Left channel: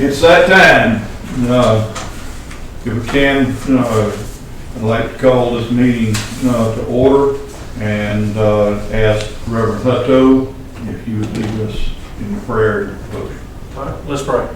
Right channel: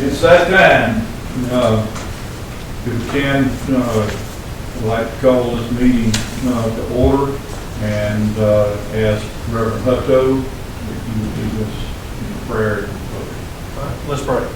It's that time. If we can, I'd like to call this meeting to order and ask Reverend Hutto if you would lead us in the prayer and vote. All right, let's pray.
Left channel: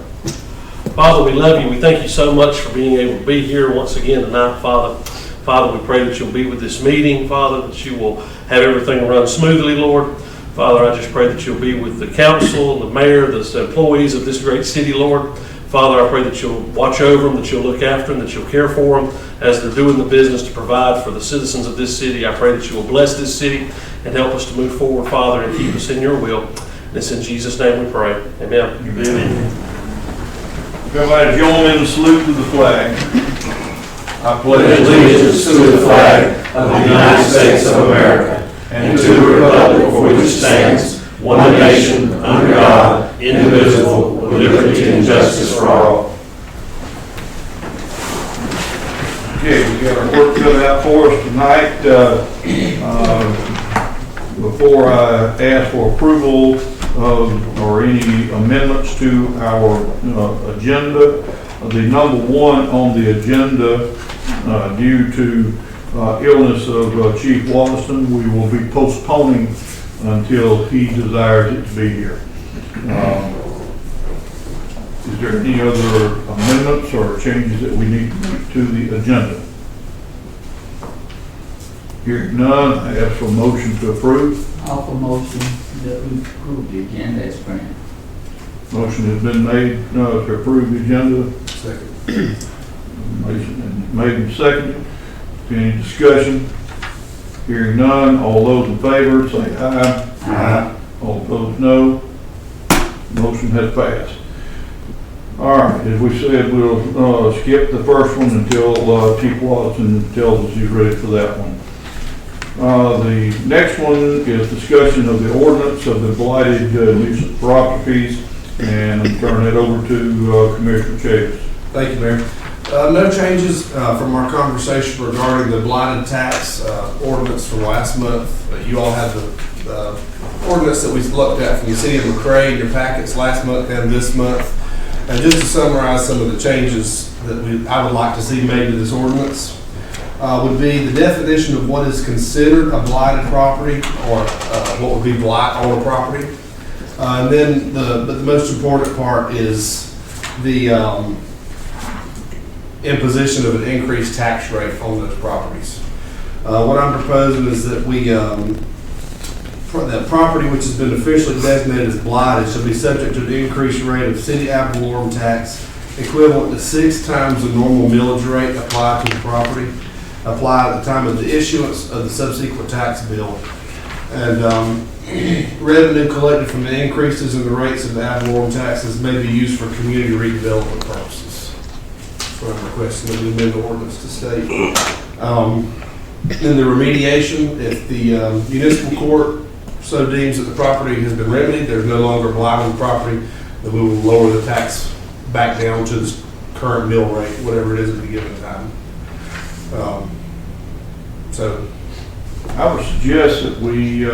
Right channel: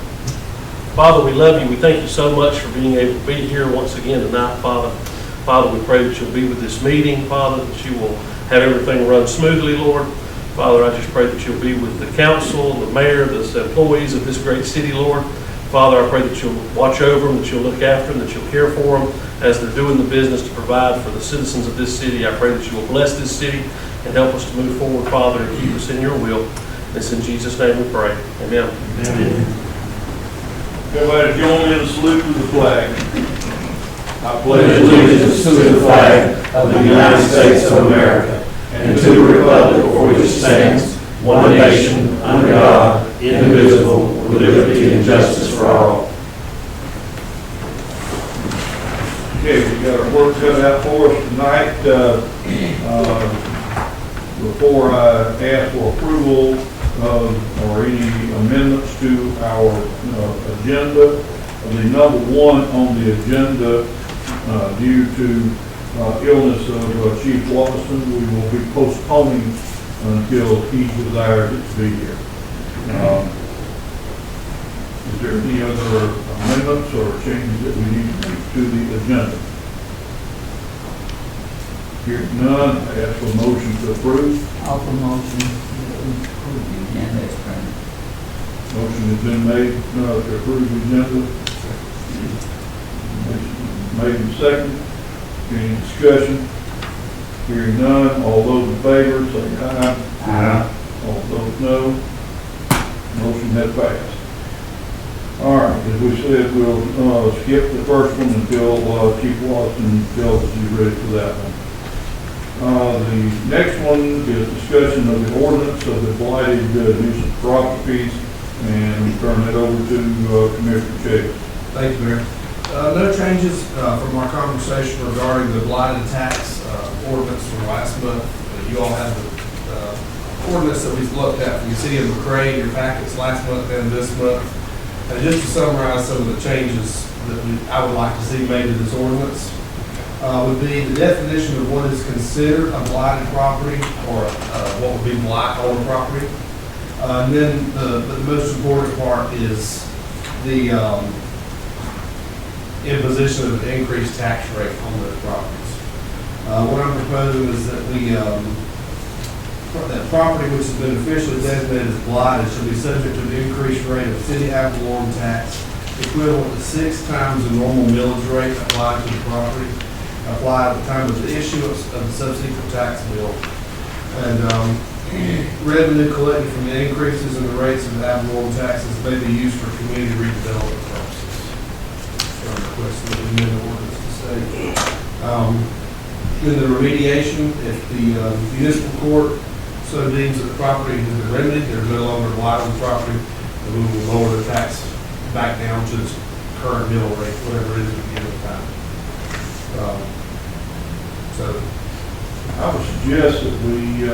Father, we love you. We thank you so much for being able to be here once again tonight, Father. Father, we pray that you'll be with this meeting, Father, that you will have everything run smoothly, Lord. Father, I just pray that you'll be with the council, the mayor, the employees of this great city, Lord. Father, I pray that you'll watch over them, that you'll look after them, that you'll care for them as they're doing the business to provide for the citizens of this city. I pray that you will bless this city and help us to move forward, Father, and keep us in your will. And it's in Jesus' name we pray. Amen. Amen. Everybody join in the salute to the flag. I pledge allegiance to the flag of the United States of America and to the republic for which it stands, one nation, under God, indivisible, with liberty and justice for all. Okay, we got our work cut out for us tonight. Before I ask for approval of or any amendments to our agenda, the number one on the agenda, due to illness of Chief Watson, we will be postponing until he desires it to be here. Is there any other amendments or changes that we need to make to the agenda? Hearing none, I ask for a motion to approve. Offer motion that we approve the agenda as printed. Motion has been made to approve the agenda. Motion made and seconded. Any discussion? Hearing none, all those in favor say aye. Aye. All those no. Motion has passed. All right, as we said, we'll skip the first one until Chief Watson tells us he's ready for that one. The next one is discussion of the ordinance of the blighted nuisance properties, and I'm turning it over to Commissioner Chase. Thank you, Mayor. No changes from our conversation regarding the blighted tax ordinance from last month. You all had the ordinance that we looked at from the city of McRae in your packets last month and this month. And just to summarize some of the changes that I would like to see made to this ordinance, would be the definition of what is considered a blighted property, or what would be blight on a property. And then but the most important part is the imposition of an increased tax rate on those properties. What I'm proposing is that that property which has been officially designated as blighted shall be subject to an increased rate of city ad valorem tax equivalent to 6 times the normal millage rate applied to the property, applied at the time of the issuance of the subsequent tax bill. And revenue collected from the increases in the rates of the ad valorem taxes may be used for community redevelopment purposes. So I'm requesting that we amend the ordinance to state. In the remediation, if the municipal court so deems that the property has been remedied, there's no longer blight on the property, then we will lower the tax back down to its current mill rate, whatever it is at a given time. So I would suggest that we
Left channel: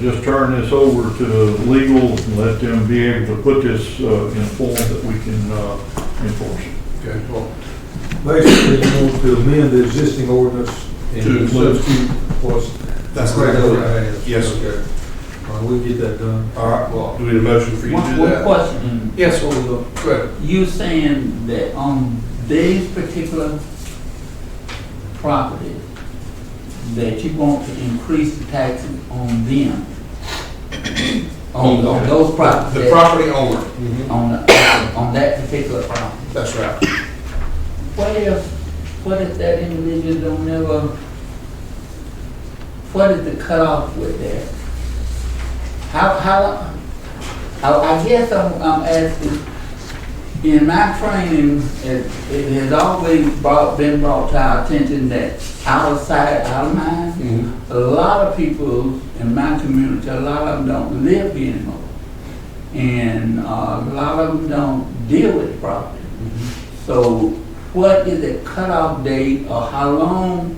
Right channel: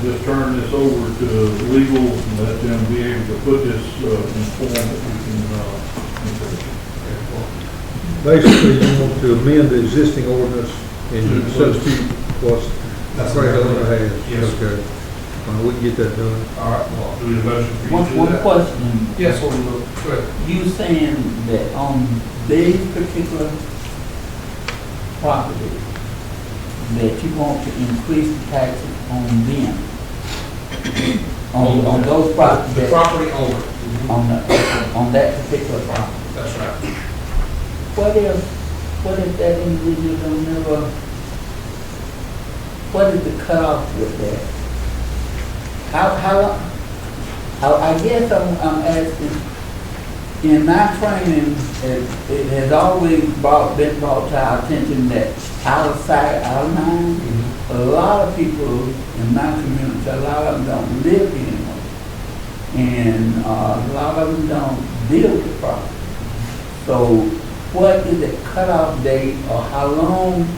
just turn this over to legal and let them be able to put this in form that we can enforce it. okay, well, Basically, you want to amend the existing ordinance and substitute what's. that's right. Yes, sir. Okay. We can get that done. All right, well, do we need a motion for you to do One that? question. Yes, sir. Go ahead. You saying that on this particular property, that you want to increase the taxes on them? On those properties? The property owner. On that particular property? That's right. What if that individual don't know, what is the cutoff with that? How I guess I'm asking, in my training, it has always been brought to our attention that out of sight, out of mind. Mm-hmm. A lot of people in my community, a lot of them don't live here anymore. And a lot of them don't deal with property. So what is the cutoff date, or how long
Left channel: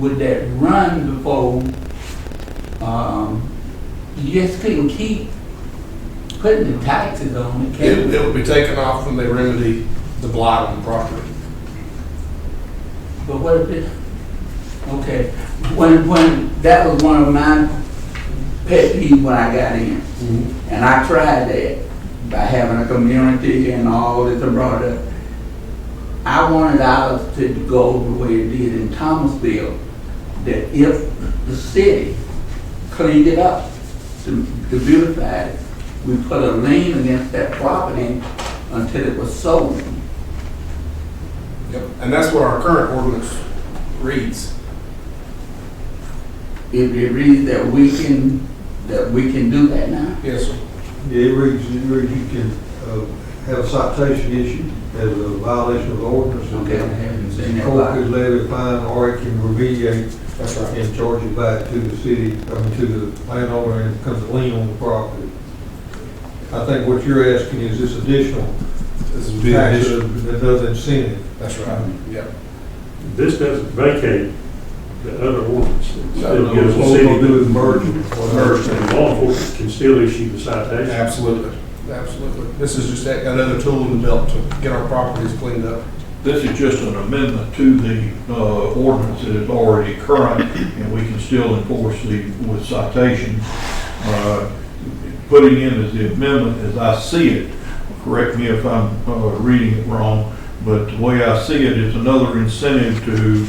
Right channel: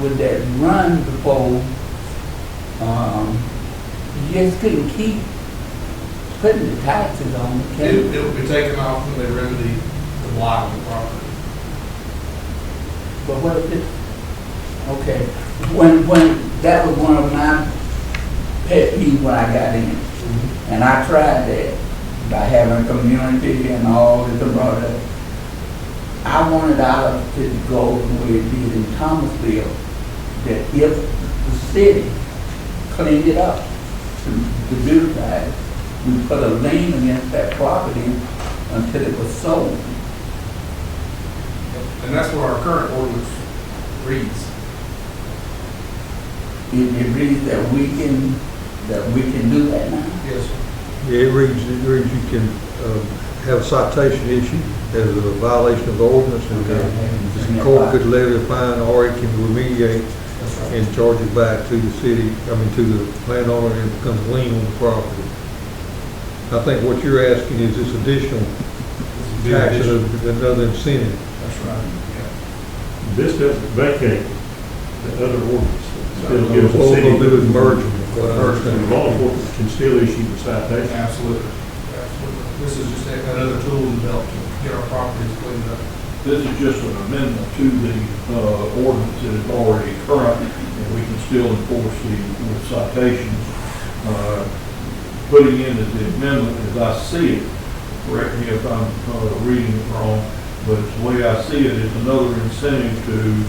would that run before you just couldn't keep putting the taxes on it, It can't we? will be taken off when they remedy the blight on the property. But what if it, okay, when, that was one of my pet peeves when I got in. And I tried that by having a community and all that they brought up. I wanted ours to go the way it did in Thomasville, that if the city cleaned it up to beautify it, we put a lien against that property until it was sold. And that's what our current ordinance reads. It reads that we can do that now. Yes, sir. Yeah, it reads you can have a citation issued as a violation of the ordinance, and Okay, I haven't seen the that. court could levy a fine, or it can remediate That's right. and charge it back to the city, to the landowner, and it becomes a lien on the property. I think what you're asking is this additional This is tax additional. another incentive. That's right. Yeah. This doesn't vacate the other ordinance. It still What gives the we're city. gonna do is merge them. Merge them. And law enforcement can still issue the citation. Absolutely. Absolutely. This is just another tool in the belt to get our properties cleaned up. This is just an amendment to the ordinance that is already current, and we can still enforce with citations. Putting in as the amendment, as I see it, correct me if I'm reading it wrong, but the way I see it, it's another incentive to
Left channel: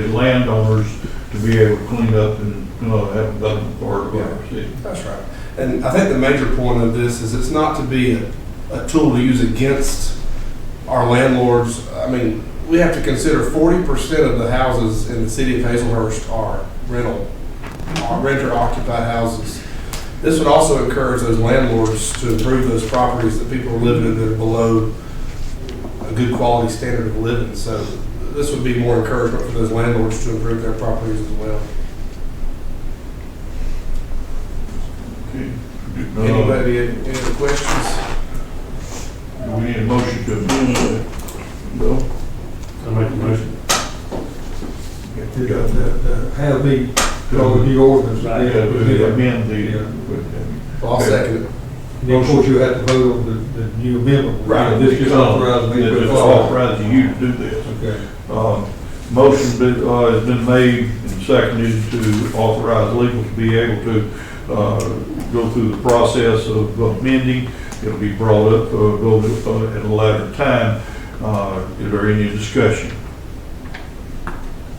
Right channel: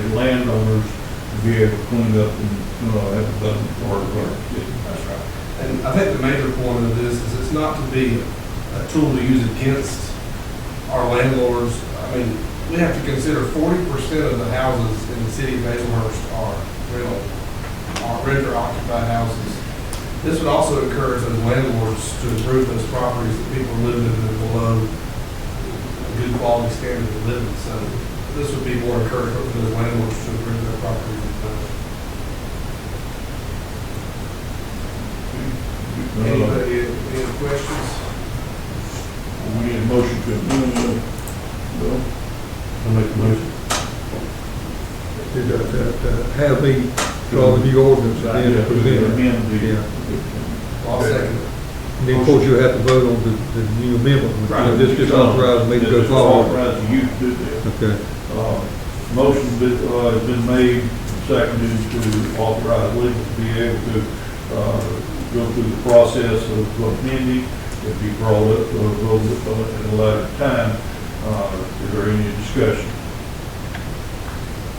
the landowners to be able to clean up and have a better part of our city. That's right. And I think the major point of this is it's not to be a tool to use against our landlords. I mean, we have to consider 40% of the houses in the city of Hazelhurst are renter occupied houses. This would also encourage those landlords to improve those properties that people are living in that are below a good quality standard of living. So this would be more encouragement for those landlords to improve their properties as well. Anybody, any other questions? We need a motion to amend, Bill? I make the motion. Have the, the ordinance, Yeah, and to then amend the. Yeah. I'll second it. of course you have to vote on the new amendment. Right, This is authorized me to It's go forward. authorizing you to do this. Okay. Motion has been made and seconded to authorize legal to be able to go through the process of amending. It'll be brought up, voted at a later time. Is there any discussion?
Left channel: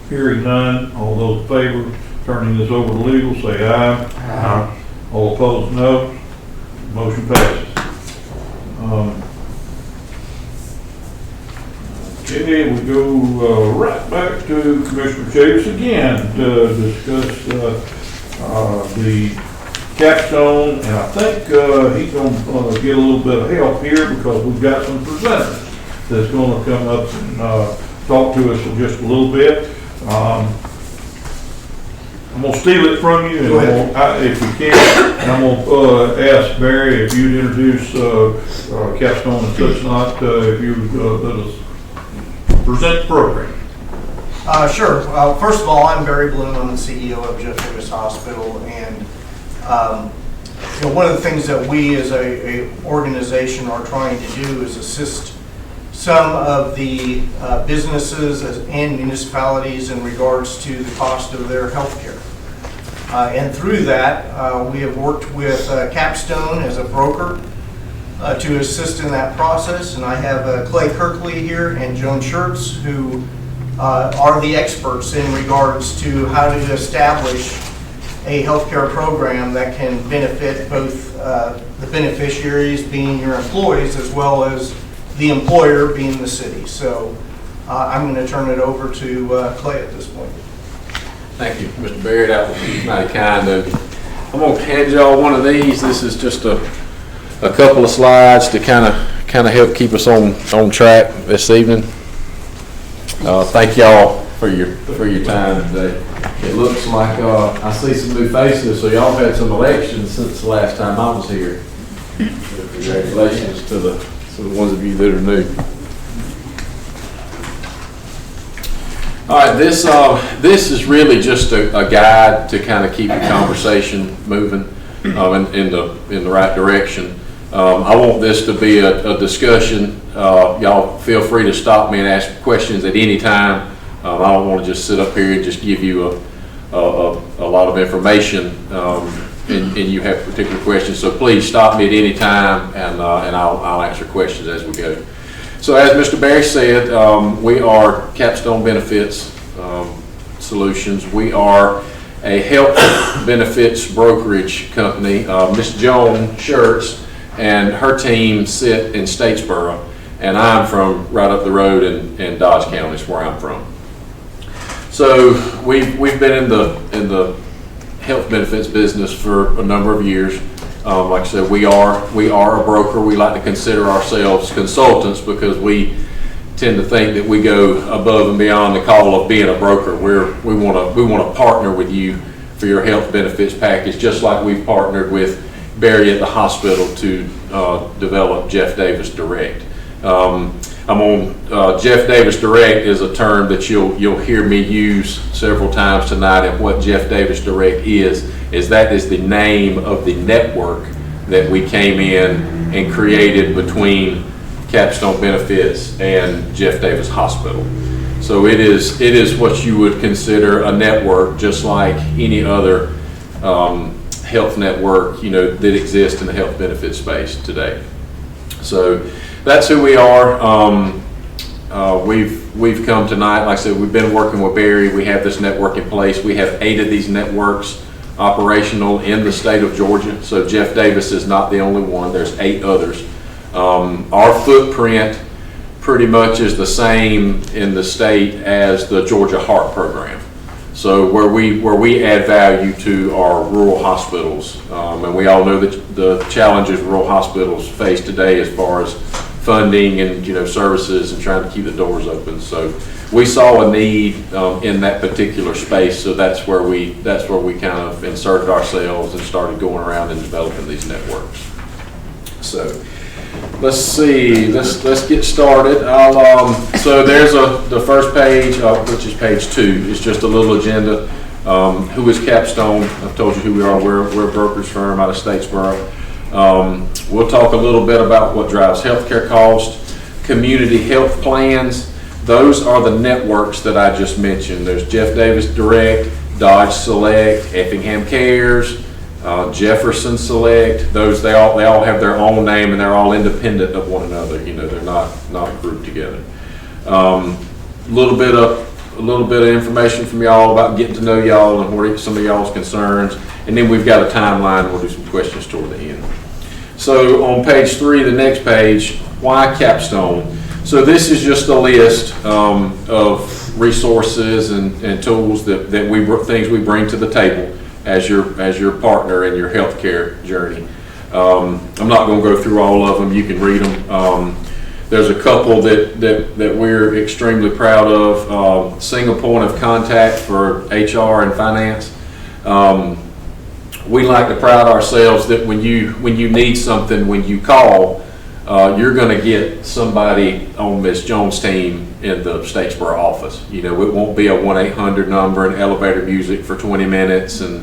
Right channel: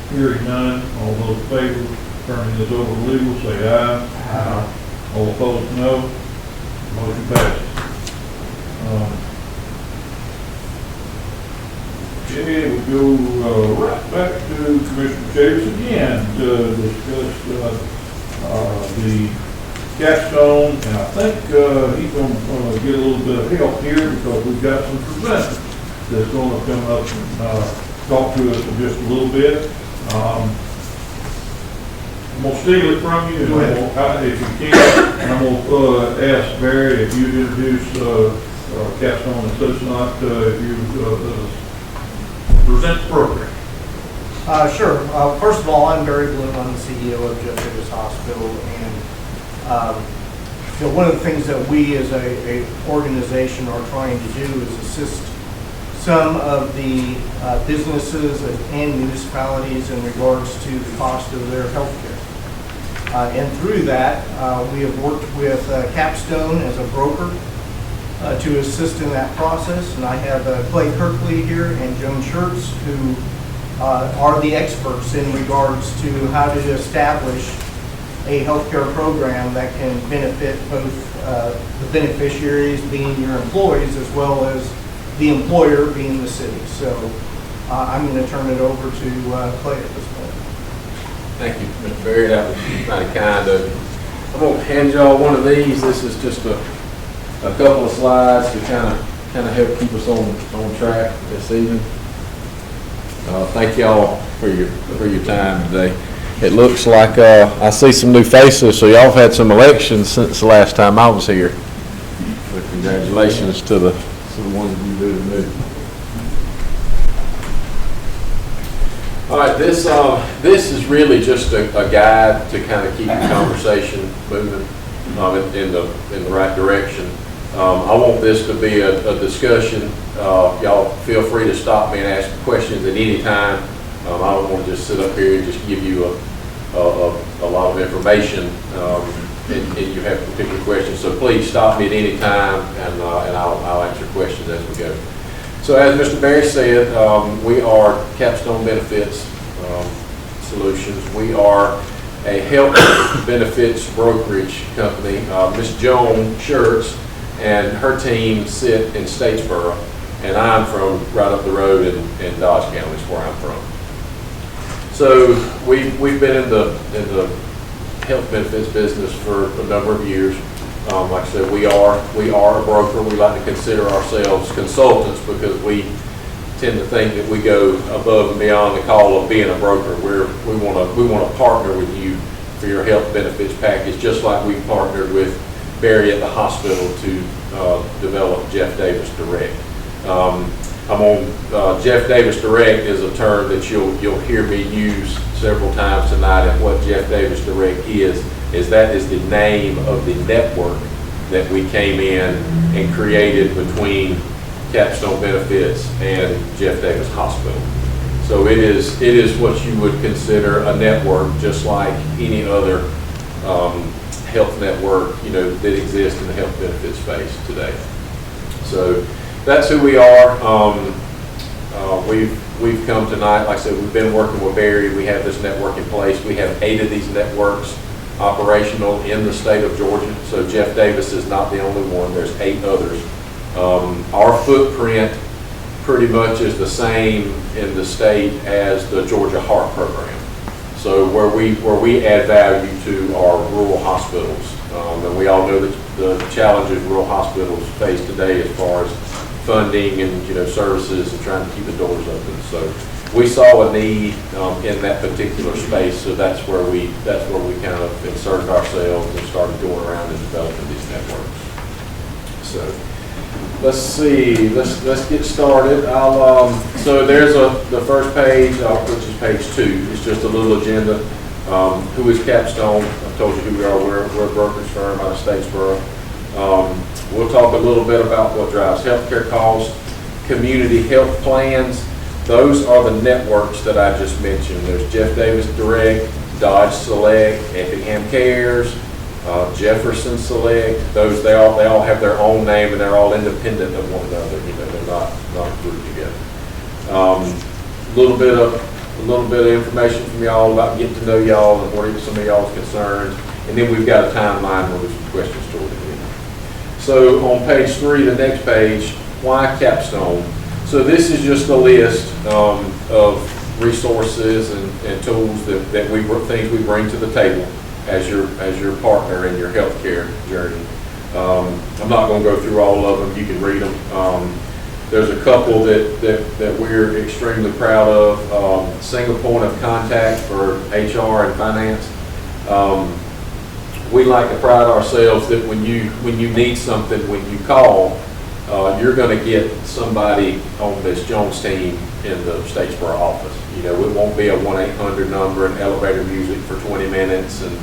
Hearing none, all those in favor, turning this over to legal, say aye. Aye. All opposed, no. Motion passes. Okay, we go right back to Commissioner Chavis again to discuss the capstone, and I think he's going to get a little bit of help here because we've got some presenters that's going to come up and talk to us for just a little bit. I'm going to steal it from you, and if you can, and I'm going to ask Barry if you'd introduce capstone and such not, if you would let us present the program. Sure. First of all, I'm Barry Bloom. I'm the CEO of Jeff Davis Hospital, and one of the things that we as a organization are trying to do is assist some of the businesses and municipalities in regards to the cost of their health care. And through that, we have worked with Capstone as a broker to assist in that process. And I have Clay Kirkley here and Joan Schertz, who are the experts in regards to how to establish a healthcare program that can benefit both the beneficiaries being your employees as well as the employer being the city. So I'm going to turn it over to Clay at this point. Thank you, Mr. Barry. That was mighty kind of you. I'm going to hand y'all one of these. This is just a couple of slides to kind of help keep us on track this evening. Thank y'all for your time today. It looks like I see some new faces, so y'all have had some elections since the last time I was here. But congratulations to the ones of you that are new. All right, this is really just a guide to kind of keep the conversation moving in the right direction. I want this to be a discussion. Y'all feel free to stop me and ask questions at any time. I don't want to just sit up here and just give you a lot of information, and you have particular questions. So please stop me at any time, and I'll answer questions as we go. So as Mr. Barry said, we are Capstone Benefits Solutions. We are a health benefits brokerage company. Ms. Joan Schertz and her team sit in Statesboro, and I'm from right up the road in Dodge County is where I'm from. So we've been in the health benefits business for a number of years. Like I said, we are a broker. We like to consider ourselves consultants because we tend to think that we go above and beyond the call of being a broker. We want to partner with you for your health benefits package, just like we've partnered with Barry at the hospital to develop Jeff Davis Direct. Jeff Davis Direct is a term that you'll hear me use several times tonight, and what Jeff Davis Direct is that is the name of the network that we came in and created between Capstone Benefits and Jeff Davis Hospital. So it is what you would consider a network, just like any other health network, that exists in the health benefits space today. So that's who we are. We've come tonight, like I said, we've been working with Barry. We have this network in place. We have 8 of these networks operational in the state of Georgia. So Jeff Davis is not the only one. There's 8 others. Our footprint pretty much is the same in the state as the Georgia Heart Program. So where we add value to our rural hospitals, and we all know that the challenges rural hospitals face today as far as funding and services and trying to keep the doors open. So we saw a need in that particular space, so that's where we kind of inserted ourselves and started going around and developing these networks. So let's see, let's get started. So there's the first page, which is page 2. It's just a little agenda. Who is Capstone? I've told you who we are. We're a brokerage firm out of Statesboro. We'll talk a little bit about what drives healthcare costs, community health plans. Those are the networks that I just mentioned. There's Jeff Davis Direct, Dodge Select, Effingham Cares, Jefferson Select. Those they all have their own name, and they're all independent of one another. They're not grouped together. A little bit of information from y'all about getting to know y'all and what are some of y'all's concerns, and then we've got a timeline. We'll do some questions toward the end. So on page 3, the next page, why Capstone? So this is just a list of resources and tools that things we bring to the table as your partner in your healthcare journey. I'm not going to go through all of them. You can read them. There's a couple that we're extremely proud of. Single point of contact for HR and finance. We like to pride ourselves that when you need something, when you call, you're going to get somebody on Ms. Jones' team in the Statesboro office. It won't be a 1-800 number and elevator music for 20 minutes and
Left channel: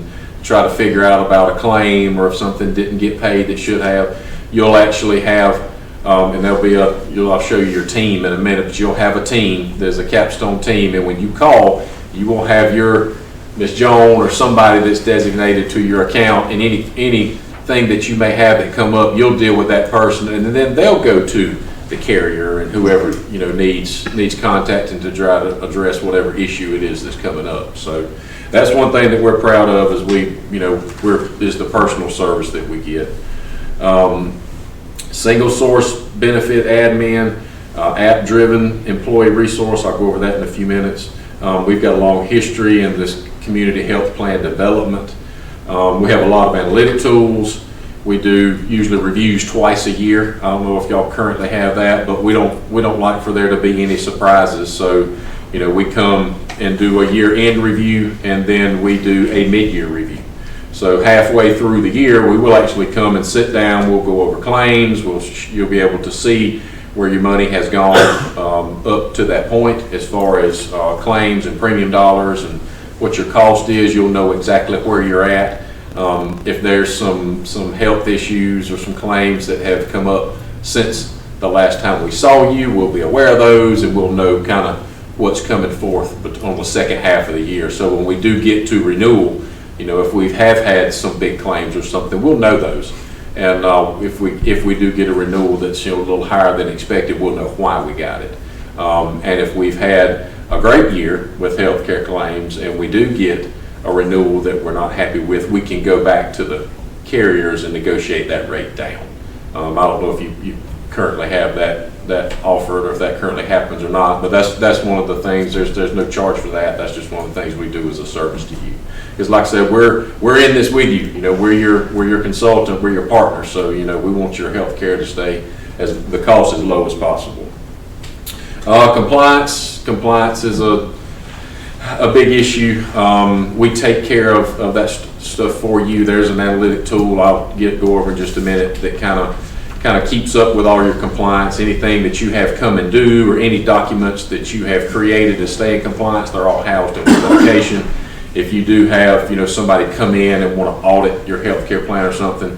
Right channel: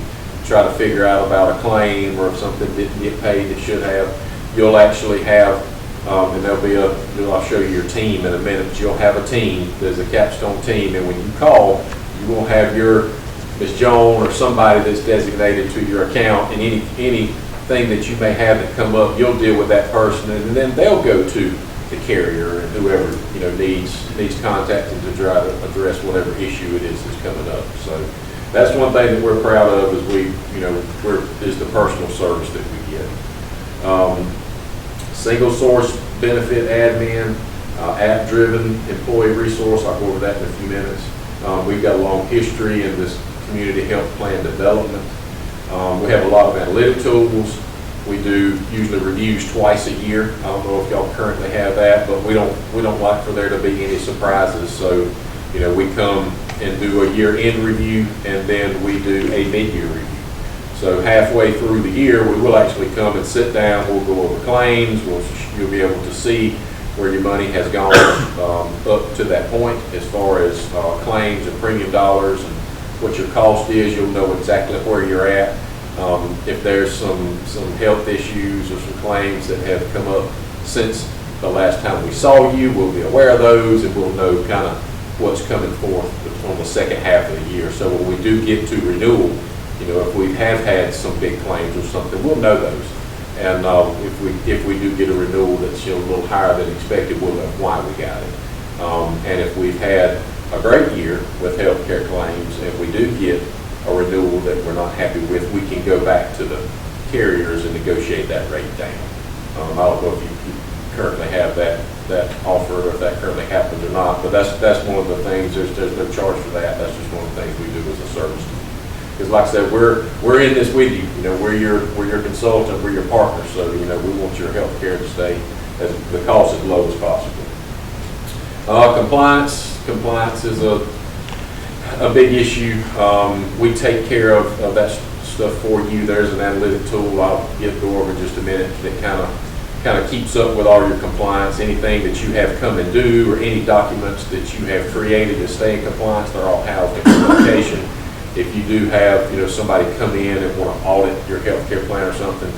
try to figure out about a claim or if something didn't get paid that should have. You'll actually have, and I'll show you your team in a minute, but you'll have a team. There's a Capstone team, and when you call, you will have your Ms. Jones or somebody that's designated to your account, and anything that you may have that come up, you'll deal with that person, and then they'll go to the carrier and whoever needs contacting to try to address whatever issue it is that's coming up. So that's one thing that we're proud of is the personal service that we get. Single source benefit admin, app-driven employee resource. I'll go over that in a few minutes. We've got a long history in this community health plan development. We have a lot of analytic tools. We do usually reviews twice a year. I don't know if y'all currently have that, but we don't like for there to be any surprises. So, we come and do a year-end review, and then we do a mid-year review. So halfway through the year, we will actually come and sit down. We'll go over claims. You'll be able to see where your money has gone up to that point as far as claims and premium dollars and what your cost is. You'll know exactly where you're at. If there's some health issues or some claims that have come up since the last time we saw you, we'll be aware of those and we'll know kind of what's coming forth on the second half of the year. So when we do get to renewal, if we have had some big claims or something, we'll know those. And if we do get a renewal that's a little higher than expected, we'll know why we got it. And if we've had a great year with healthcare claims and we do get a renewal that we're not happy with, we can go back to the carriers and negotiate that rate down. I don't know if you currently have that offered or if that currently happens or not, but that's one of the things. There's no charge for that. That's just one of the things we do as a service to you. Because like I said, we're in this with you. We're your consultant, we're your partner. So we want your health care to stay as the cost as low as possible. Compliance is a big issue. We take care of that stuff for you. There's an analytic tool I'll go over in just a minute that kind of keeps up with all your compliance. Anything that you have come and due or any documents that you have created to stay in compliance, they're all housed in one location. If you do have, somebody come in and want to audit your healthcare plan or something,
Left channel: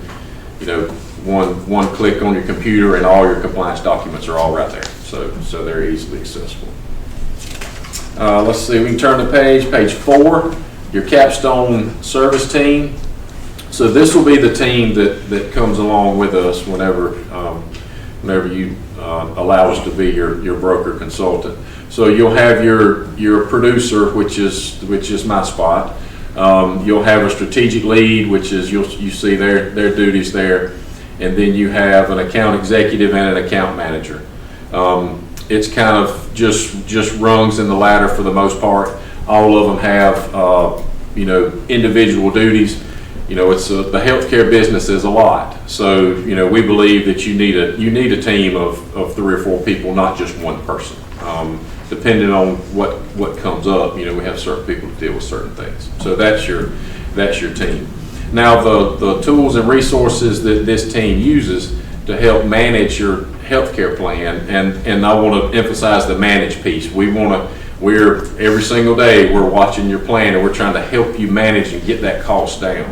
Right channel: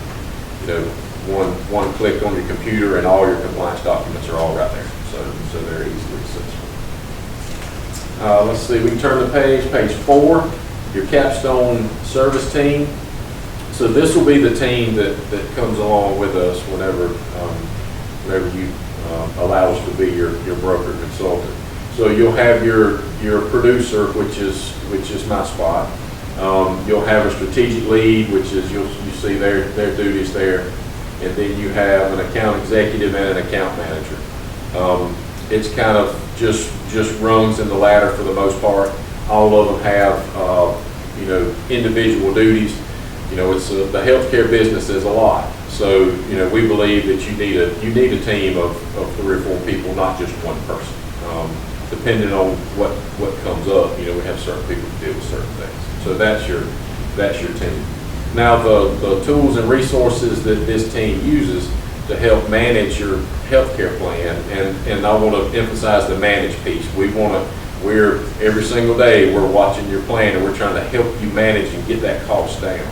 one click on your computer and all your compliance documents are all right there. So they're easily accessible. Let's see, we can turn the page 4, your capstone service team. So this will be the team that comes along with us whenever you allow us to be your broker consultant. So you'll have your producer, which is my spot. You'll have a strategic lead, which is you see their duties there, and then you have an account executive and an account manager. It's kind of just rungs in the ladder for the most part. All of them have individual duties. It's the healthcare business is a lot. So we believe that you need a team of 3 or 4 people, not just one person. Depending on what comes up, we have certain people to deal with certain things. So that's your team. Now the tools and resources that this team uses to help manage your healthcare plan, and I want to emphasize the manage piece. We're every single day we're watching your plan and we're trying to help you manage and get that cost down.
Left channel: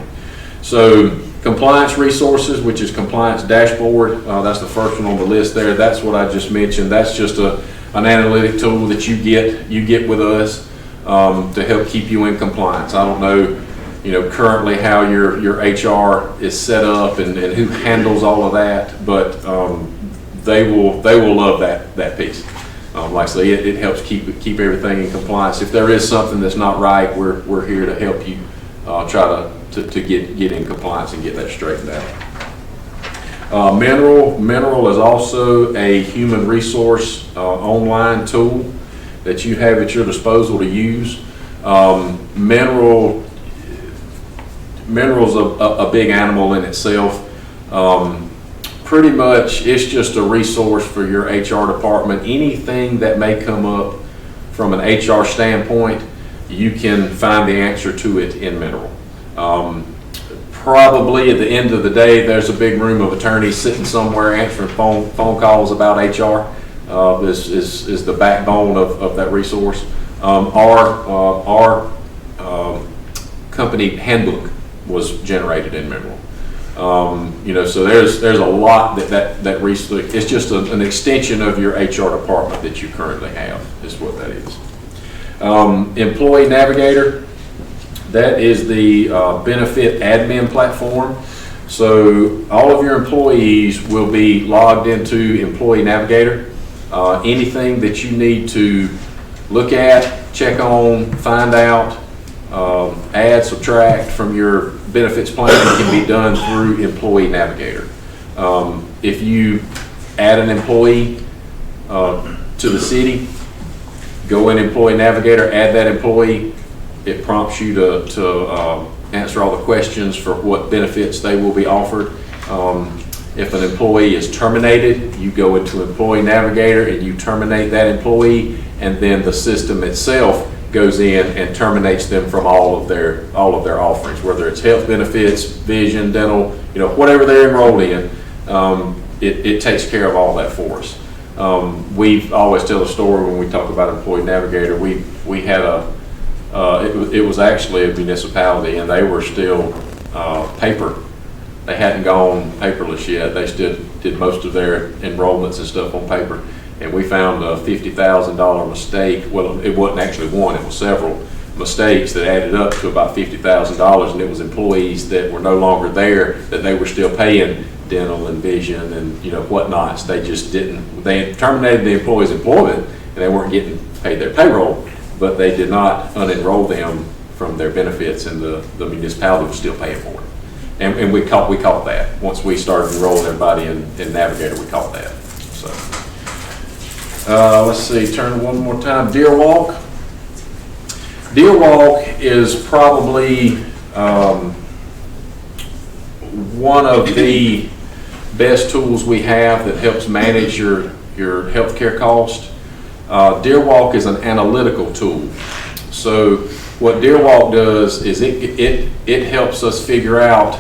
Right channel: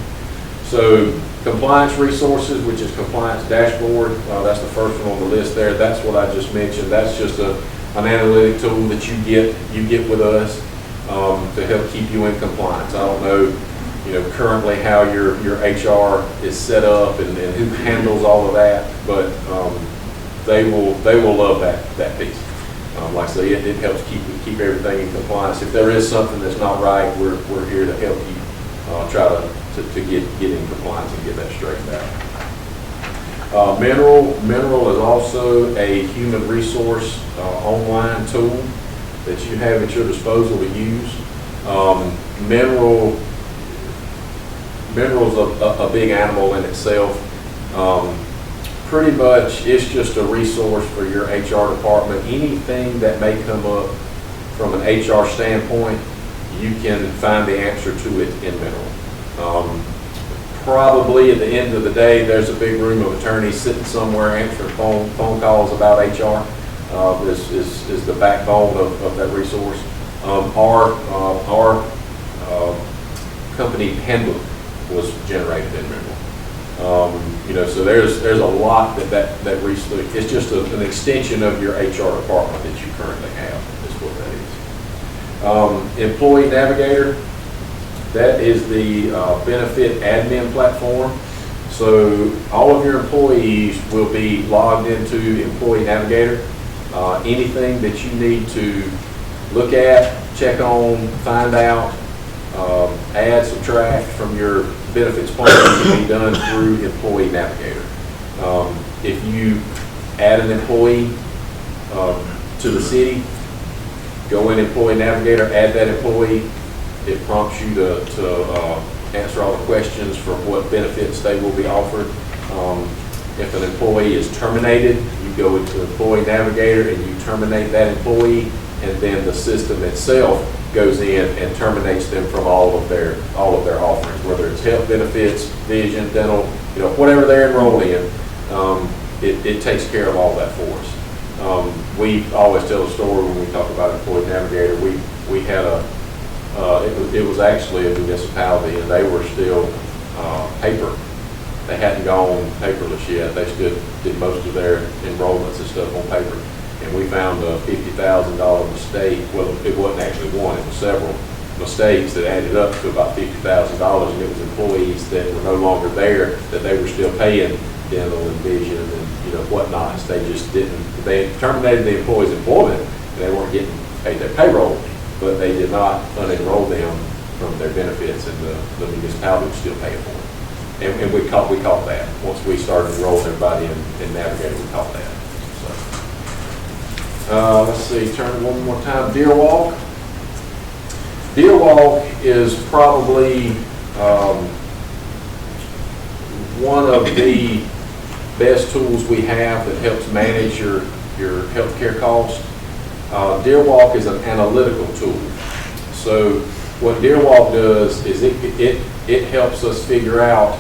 So compliance resources, which is compliance dashboard, that's the first one on the list there. That's what I just mentioned. That's just an analytic tool that you get with us to help keep you in compliance. I don't know, currently how your HR is set up and who handles all of that, but they will love that piece. Like I say, it helps keep everything in compliance. If there is something that's not right, we're here to help you try to get in compliance and get that straightened out. Mineral is also a human resource online tool that you have at your disposal to use. Mineral's a big animal in itself. Pretty much it's just a resource for your HR department. Anything that may come up from an HR standpoint, you can find the answer to it in Mineral. Probably at the end of the day, there's a big room of attorneys sitting somewhere answering phone calls about HR. Is the backbone of that resource. Our company handbook was generated in Mineral. So there's a lot that research. It's just an extension of your HR department that you currently have. Is what that is. Employee Navigator. That is the benefit admin platform. So all of your employees will be logged into Employee Navigator. Anything that you need to look at, check on, find out, add, subtract from your benefits plan can be done through Employee Navigator. If you add an employee to the city, go in Employee Navigator, add that employee. It prompts you to answer all the questions for what benefits they will be offered. If an employee is terminated, you go into Employee Navigator and you terminate that employee, and then the system itself goes in and terminates them from all of their offerings, whether it's health benefits, vision, dental, whatever they're enrolled in. It takes care of all that for us. We always tell a story when we talk about Employee Navigator. We had it was actually a municipality, and they were still paper. They hadn't gone paperless yet. They still did most of their enrollments and stuff on paper. And we found a $50,000 mistake. Well, it wasn't actually one, it was several mistakes that added up to about $50,000. And it was employees that were no longer there, that they were still paying dental and vision and, whatnots. They just didn't, they had terminated the employee's employment and they weren't getting paid their payroll, but they did not unenroll them from their benefits, and the municipality was still paying for it. And we caught that. Once we started enrolling everybody in Navigator, we caught that. So, let's see, turn one more time. Deer Walk. Deer Walk is probably one of the best tools we have that helps manage your healthcare cost. Deer Walk is an analytical tool. So what Deer Walk does is it helps us figure out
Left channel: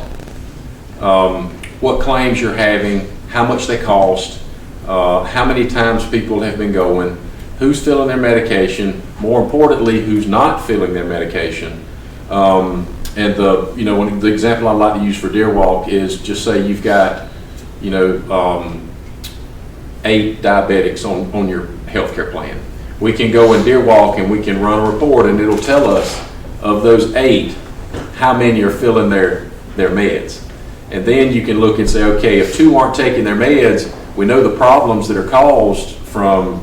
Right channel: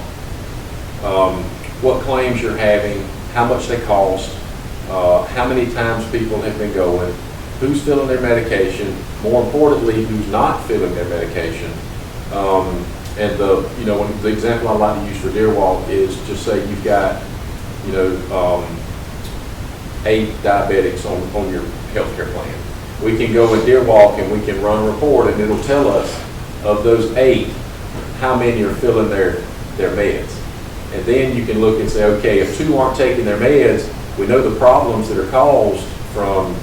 what claims you're having, how much they cost, how many times people have been going, who's filling their medication, more importantly, who's not filling their medication. And the example I like to use for Deer Walk is just say you've got 8 diabetics on your healthcare plan. We can go in Deer Walk and we can run a report, and it'll tell us of those 8 how many are filling their meds. And then you can look and say, okay, if 2 aren't taking their meds, we know the problems that are caused from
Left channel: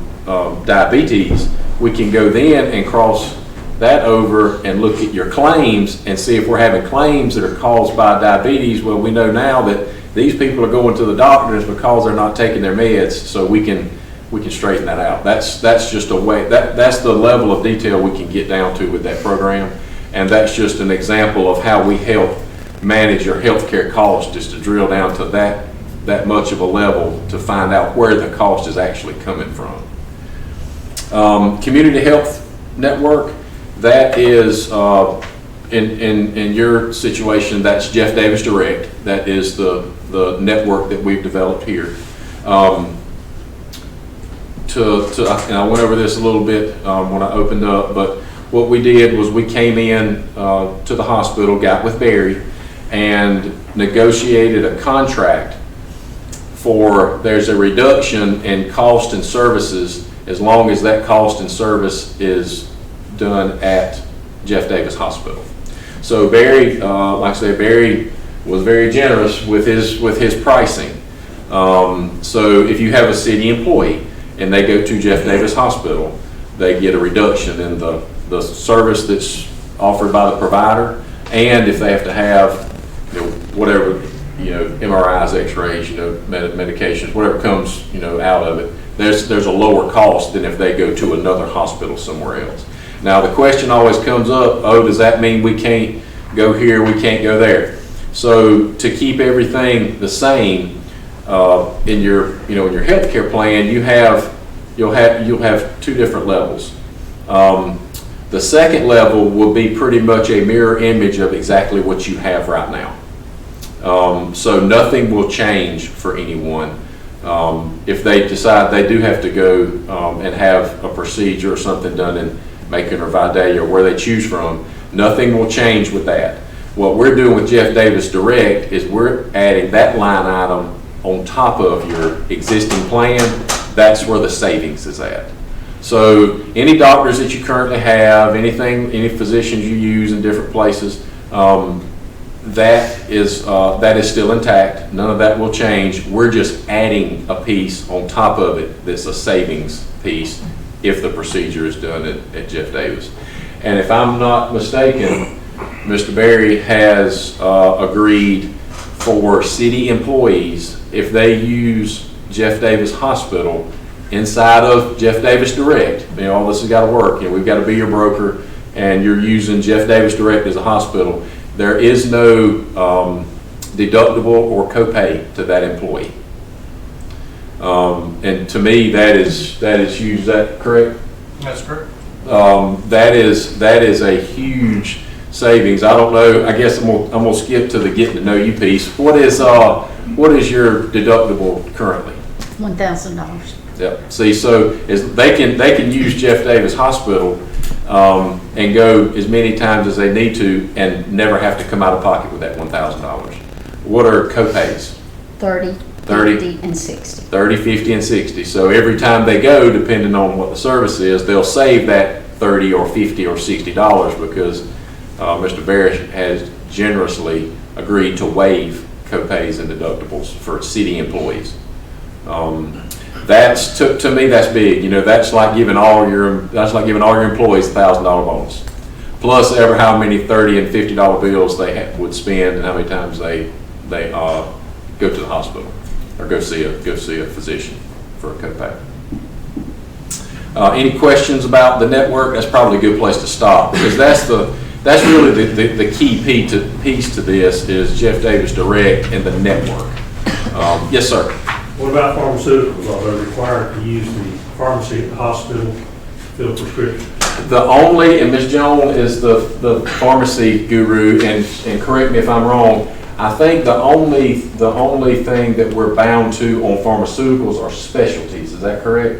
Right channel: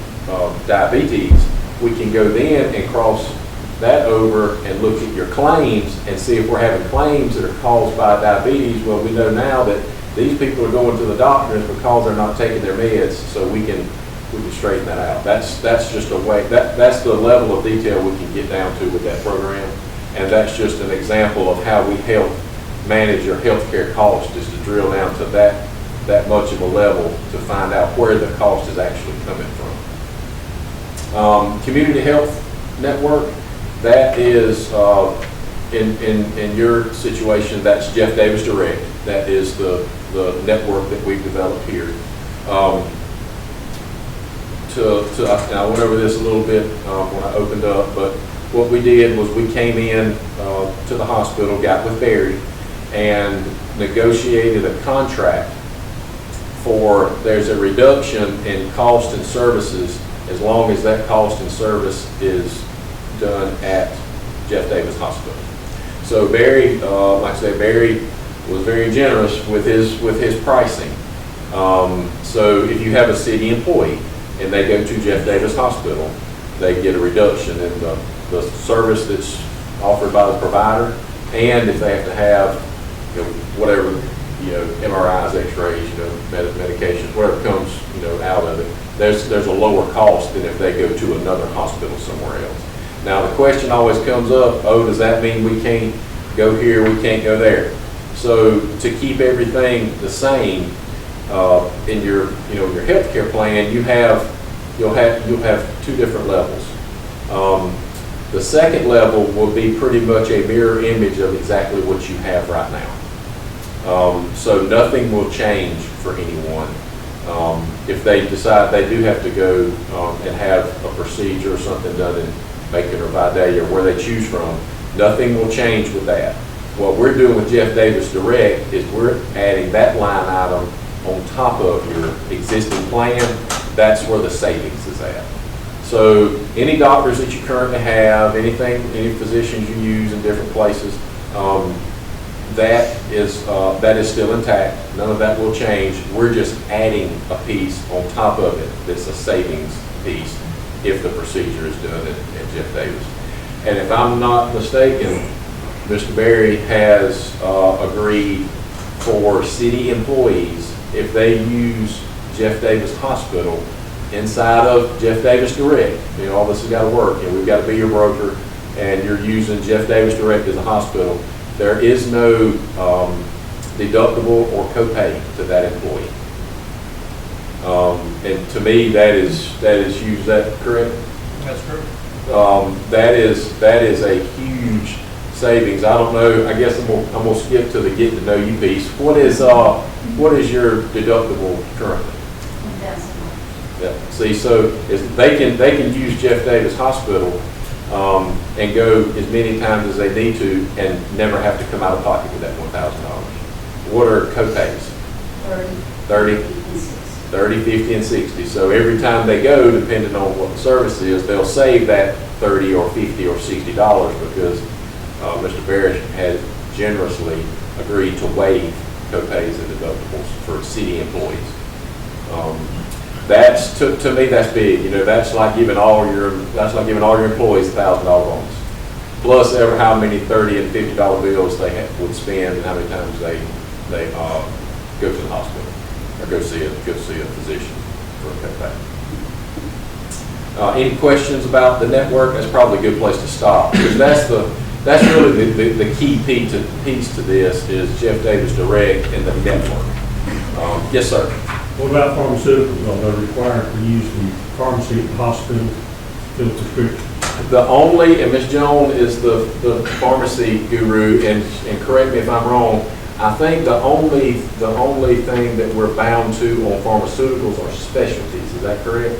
diabetes. We can go then and cross that over and look at your claims and see if we're having claims that are caused by diabetes. Well, we know now that these people are going to the doctors because they're not taking their meds, so we can straighten that out. That's just a way, that's the level of detail we can get down to with that program. And that's just an example of how we help manage your healthcare costs, is to drill down to that much of a level to find out where the cost is actually coming from. Community Health Network, that is, in your situation, that's Jeff Davis Direct. That is the network that we've developed here. And I went over this a little bit when I opened up, but what we did was we came in to the hospital, got with Barry, and negotiated a contract for, there's a reduction in cost and services as long as that cost and service is done at Jeff Davis Hospital. So Barry, like I said, Barry was very generous with his pricing. So if you have a city employee and they go to Jeff Davis Hospital, they get a reduction in the service that's offered by the provider, and if they have to have whatever, MRIs, X-rays, medications, whatever comes out of it, there's a lower cost than if they go to another hospital somewhere else. Now the question always comes up, does that mean we can't go here, we can't go there? So to keep everything the same in your healthcare plan, you'll have 2 different levels. The second level will be pretty much a mirror image of exactly what you have right now. So nothing will change for anyone. If they decide they do have to go and have a procedure or something done in Macon or Vidalia or where they choose from, nothing will change with that. What we're doing with Jeff Davis Direct is we're adding that line item on top of your existing plan. That's where the savings is at. So any doctors that you currently have, any physicians you use in different places, that is still intact. None of that will change. We're just adding a piece on top of it that's a savings piece if the procedure is done at Jeff Davis. And if I'm not mistaken, Mr. Berry has agreed for city employees, if they use Jeff Davis Hospital inside of Jeff Davis Direct, all this has got to work. We've got to be your broker, and you're using Jeff Davis Direct as a hospital. There is no deductible or copay to that employee. And to me, that is huge. Is that correct? That's correct. That is a huge savings. I don't know. I guess I'm gonna skip to the getting to know you piece. What is your deductible currently? $1,000. Yep. See, so they can use Jeff Davis Hospital, and go as many times as they need to and never have to come out of pocket with that $1,000. What are copays? 30, 30? 50, and 60. 30, 50, and 60. So every time they go, depending on what the service is, they'll save that 30 or 50 or $60 because Mr. Barrett has generously agreed to waive copays and deductibles for city employees. That's to me, that's big. You know, that's like giving all your employees $1,000 bonus, plus ever how many $30 and $50 bills they would spend and how many times they go to the hospital or go see a physician for a copay. Any questions about the network? That's probably a good place to stop because that's really the key piece to this is Jeff Davis Direct and the network. Yes, sir. What about pharmaceuticals? Are they required to use the pharmacy at the hospital to fill prescriptions? The only, and Ms. Jones is the pharmacy guru, and correct me if I'm wrong, I think the only thing that we're bound to on pharmaceuticals are specialties. Is that correct?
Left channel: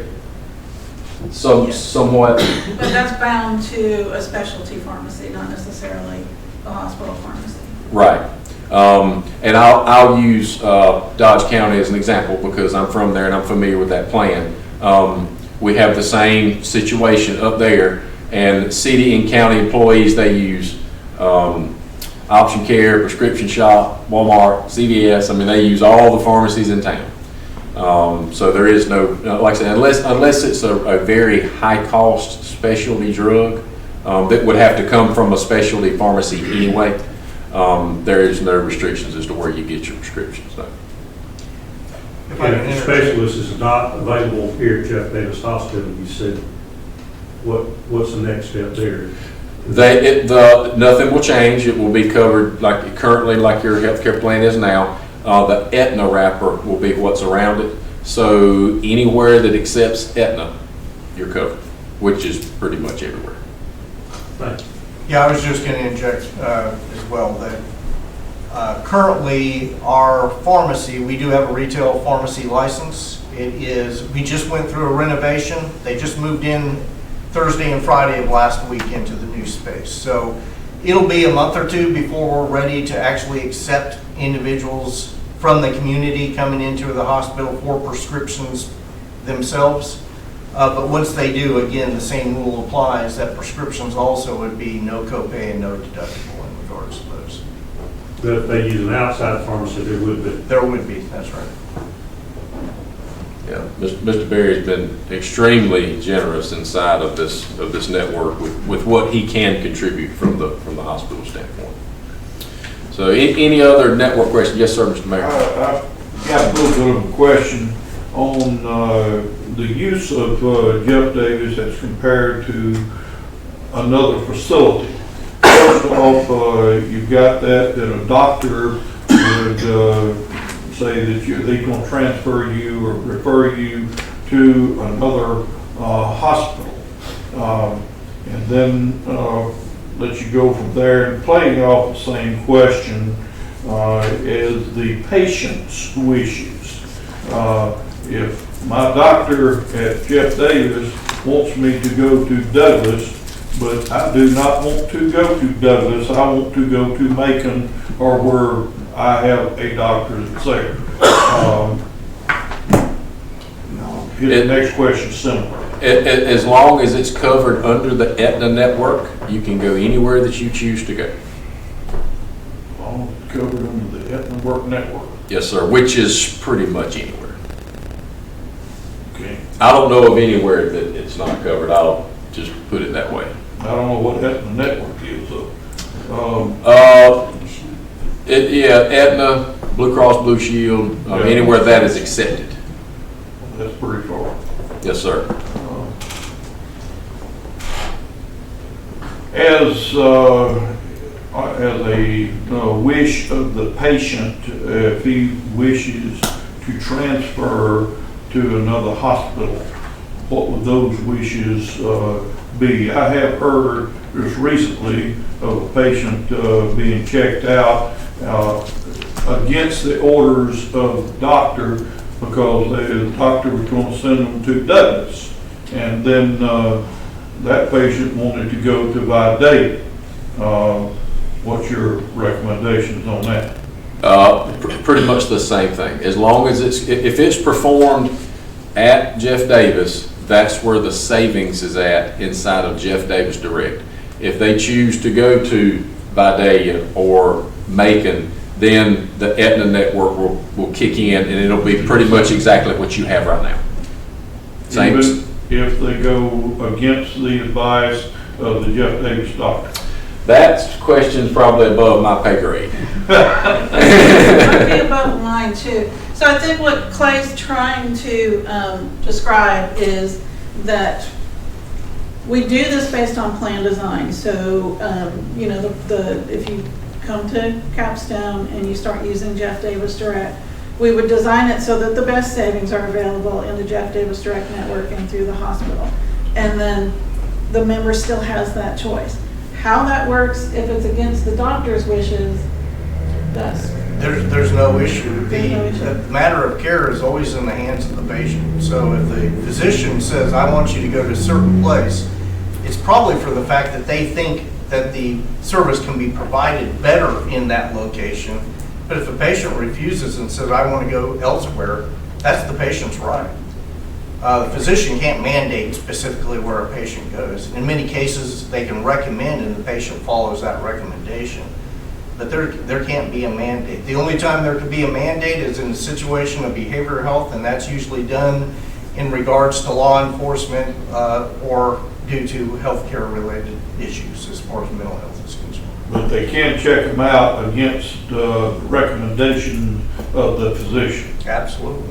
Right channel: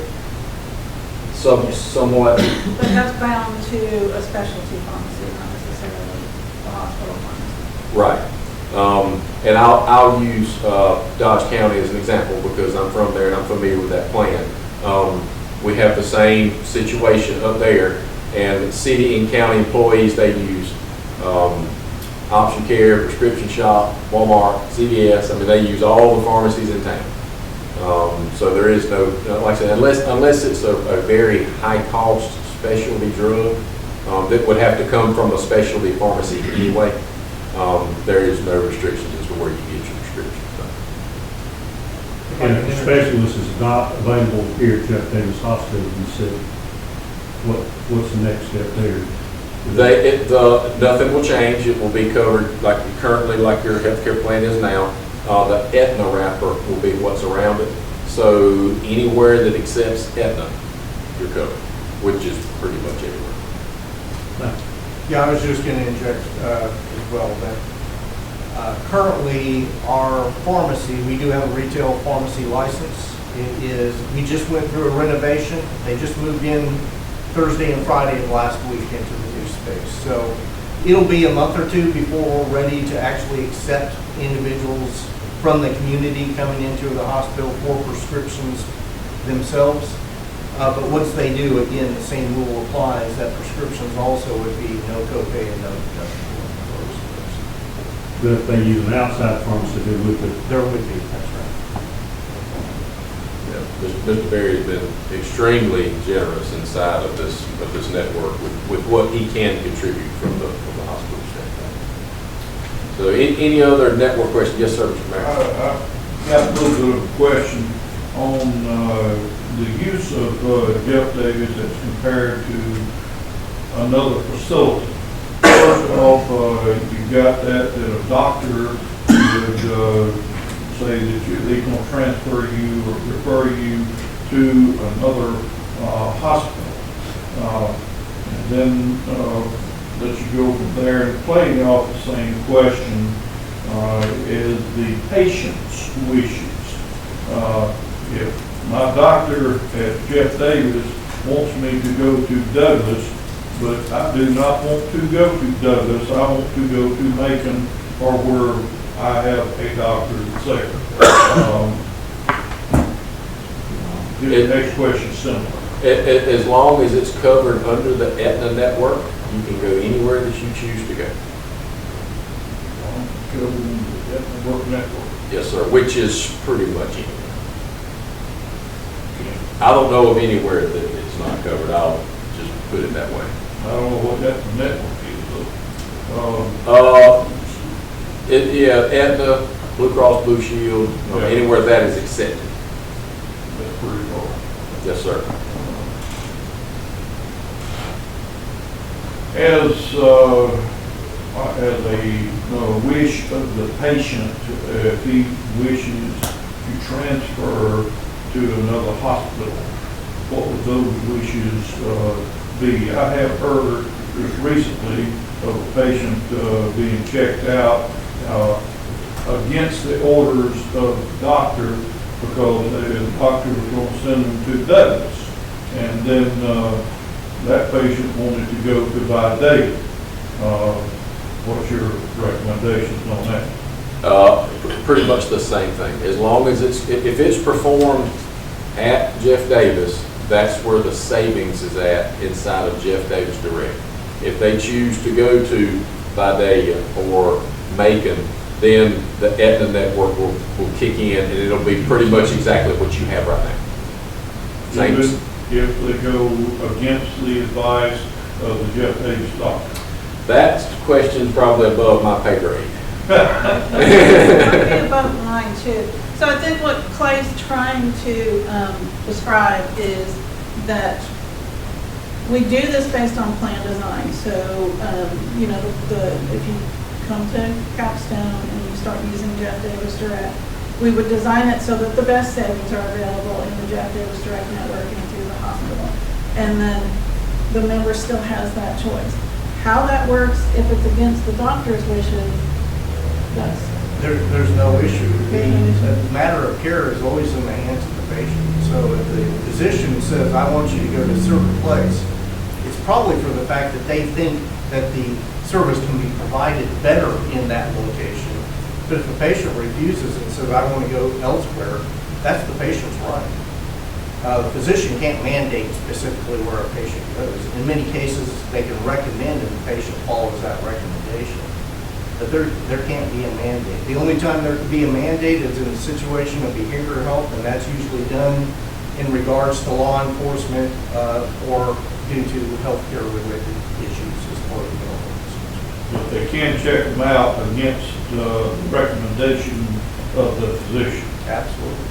Somewhat. But that's bound to a specialty pharmacy, not necessarily a hospital pharmacy. Right. And I'll use Dodge County as an example because I'm from there and I'm familiar with that plan. We have the same situation up there, and city and county employees, they use Option Care, Prescription Shop, Walmart, CVS. I mean, they use all the pharmacies in town. So there is no, like I said, unless it's a very high-cost specialty drug that would have to come from a specialty pharmacy anyway. There is no restrictions as to where you get your prescriptions. And if the specialist is not available here at Jeff Davis Hospital, you said, what's the next step there? Nothing will change. It will be covered like your healthcare plan is now. The Aetna wrapper will be what's around it. So anywhere that accepts Aetna, you're covered, which is pretty much everywhere. Thanks. Yeah, I was just going to inject as well that currently our pharmacy, we do have a retail pharmacy license. We just went through a renovation. They just moved in Thursday and Friday of last week into the new space. So it'll be a month or two before we're ready to actually accept individuals from the community coming into the hospital for prescriptions themselves. But once they do, again, the same rule applies that prescriptions also would be no copay and no deductible in regards to those. But if they use an outside pharmacy, there would be. There would be, that's right. Yeah, Mr. Berry has been extremely generous inside of this network with what he can contribute from the hospital standpoint. So any other network questions? Yes, sir, Mr. Mayor. I got a little bit of a question on the use of Jeff Davis as compared to another facility. First off, you've got that a doctor would say that they can transfer you or refer you to another hospital, and then let you go from there. And playing off the same question is the patient's wishes. If my doctor at Jeff Davis wants me to go to Douglas, but I do not want to go to Douglas, I want to go to Macon or where I have a doctor that's there. The next question similar. As long as it's covered under the Aetna network, you can go anywhere that you choose to go. Covered under the Aetna network. Yes, sir, which is pretty much anywhere. Okay. I don't know of anywhere that it's not covered. I'll just put it that way. I don't know what Aetna network is though. Aetna, Blue Cross Blue Shield, anywhere that is accepted. That's pretty far. Yes, sir. As a wish of the patient, if he wishes to transfer to another hospital, what would those wishes be? I have heard just recently of a patient being checked out against the orders of the doctor because the doctor was going to send them to Douglas. And then that patient wanted to go to Vidalia. What's your recommendations on that? Pretty much the same thing. As long as if it's performed at Jeff Davis, that's where the savings is at inside of Jeff Davis Direct. If they choose to go to Vidalia or Macon, then the Aetna network will kick in, and it'll be pretty much exactly what you have right now. Same. Even if they go against the advice of the Jeff Davis doctor? That question's probably above my pay grade. Might be above mine too. So I think what Clay's trying to describe is that we do this based on plan design. So, you know, if you come to Capstone and you start using Jeff Davis Direct, we would design it so that the best savings are available in the Jeff Davis Direct network and through the hospital. And then the member still has that choice. How that works, if it's against the doctor's wishes, There's no issue. The matter of care is always in the hands of the patient. So if the physician says, I want you to go to a certain place, it's probably for the fact that they think that the service can be provided better in that location. But if a patient refuses and says, I want to go elsewhere, that's the patient's right. The physician can't mandate specifically where a patient goes. In many cases, they can recommend and the patient follows that recommendation. But there can't be a mandate. The only time there could be a mandate is in a situation of behavioral health, and that's usually done in regards to law enforcement or due to healthcare related issues as far as mental health is concerned. But they can check them out against the recommendation of the physician. Absolutely.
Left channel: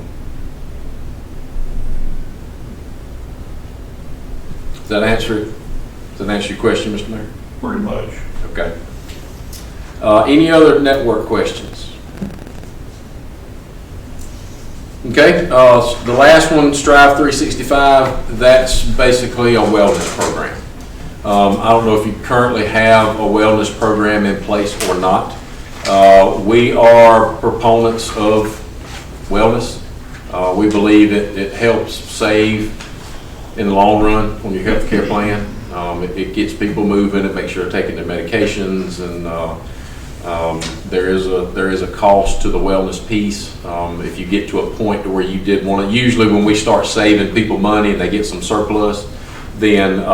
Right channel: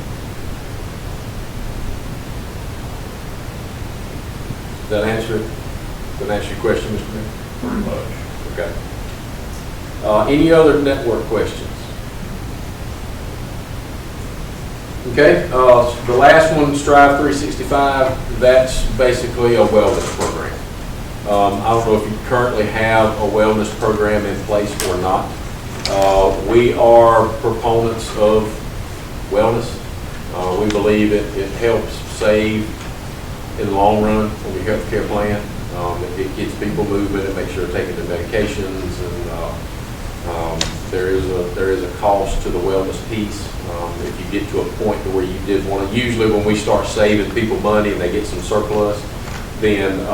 Does that answer it? Does that answer your question, Mr. Mayor? Pretty much. Okay. Any other network questions? Okay, the last one, Strive 365, that's basically a wellness program. I don't know if you currently have a wellness program in place or not. We are proponents of wellness. We believe it helps save in the long run on your health care plan. It gets people moving, it makes sure they're taking their medications, and there is a cost to the wellness piece. If you get to a point where you did want to, usually when we start saving people money and they get some surplus, then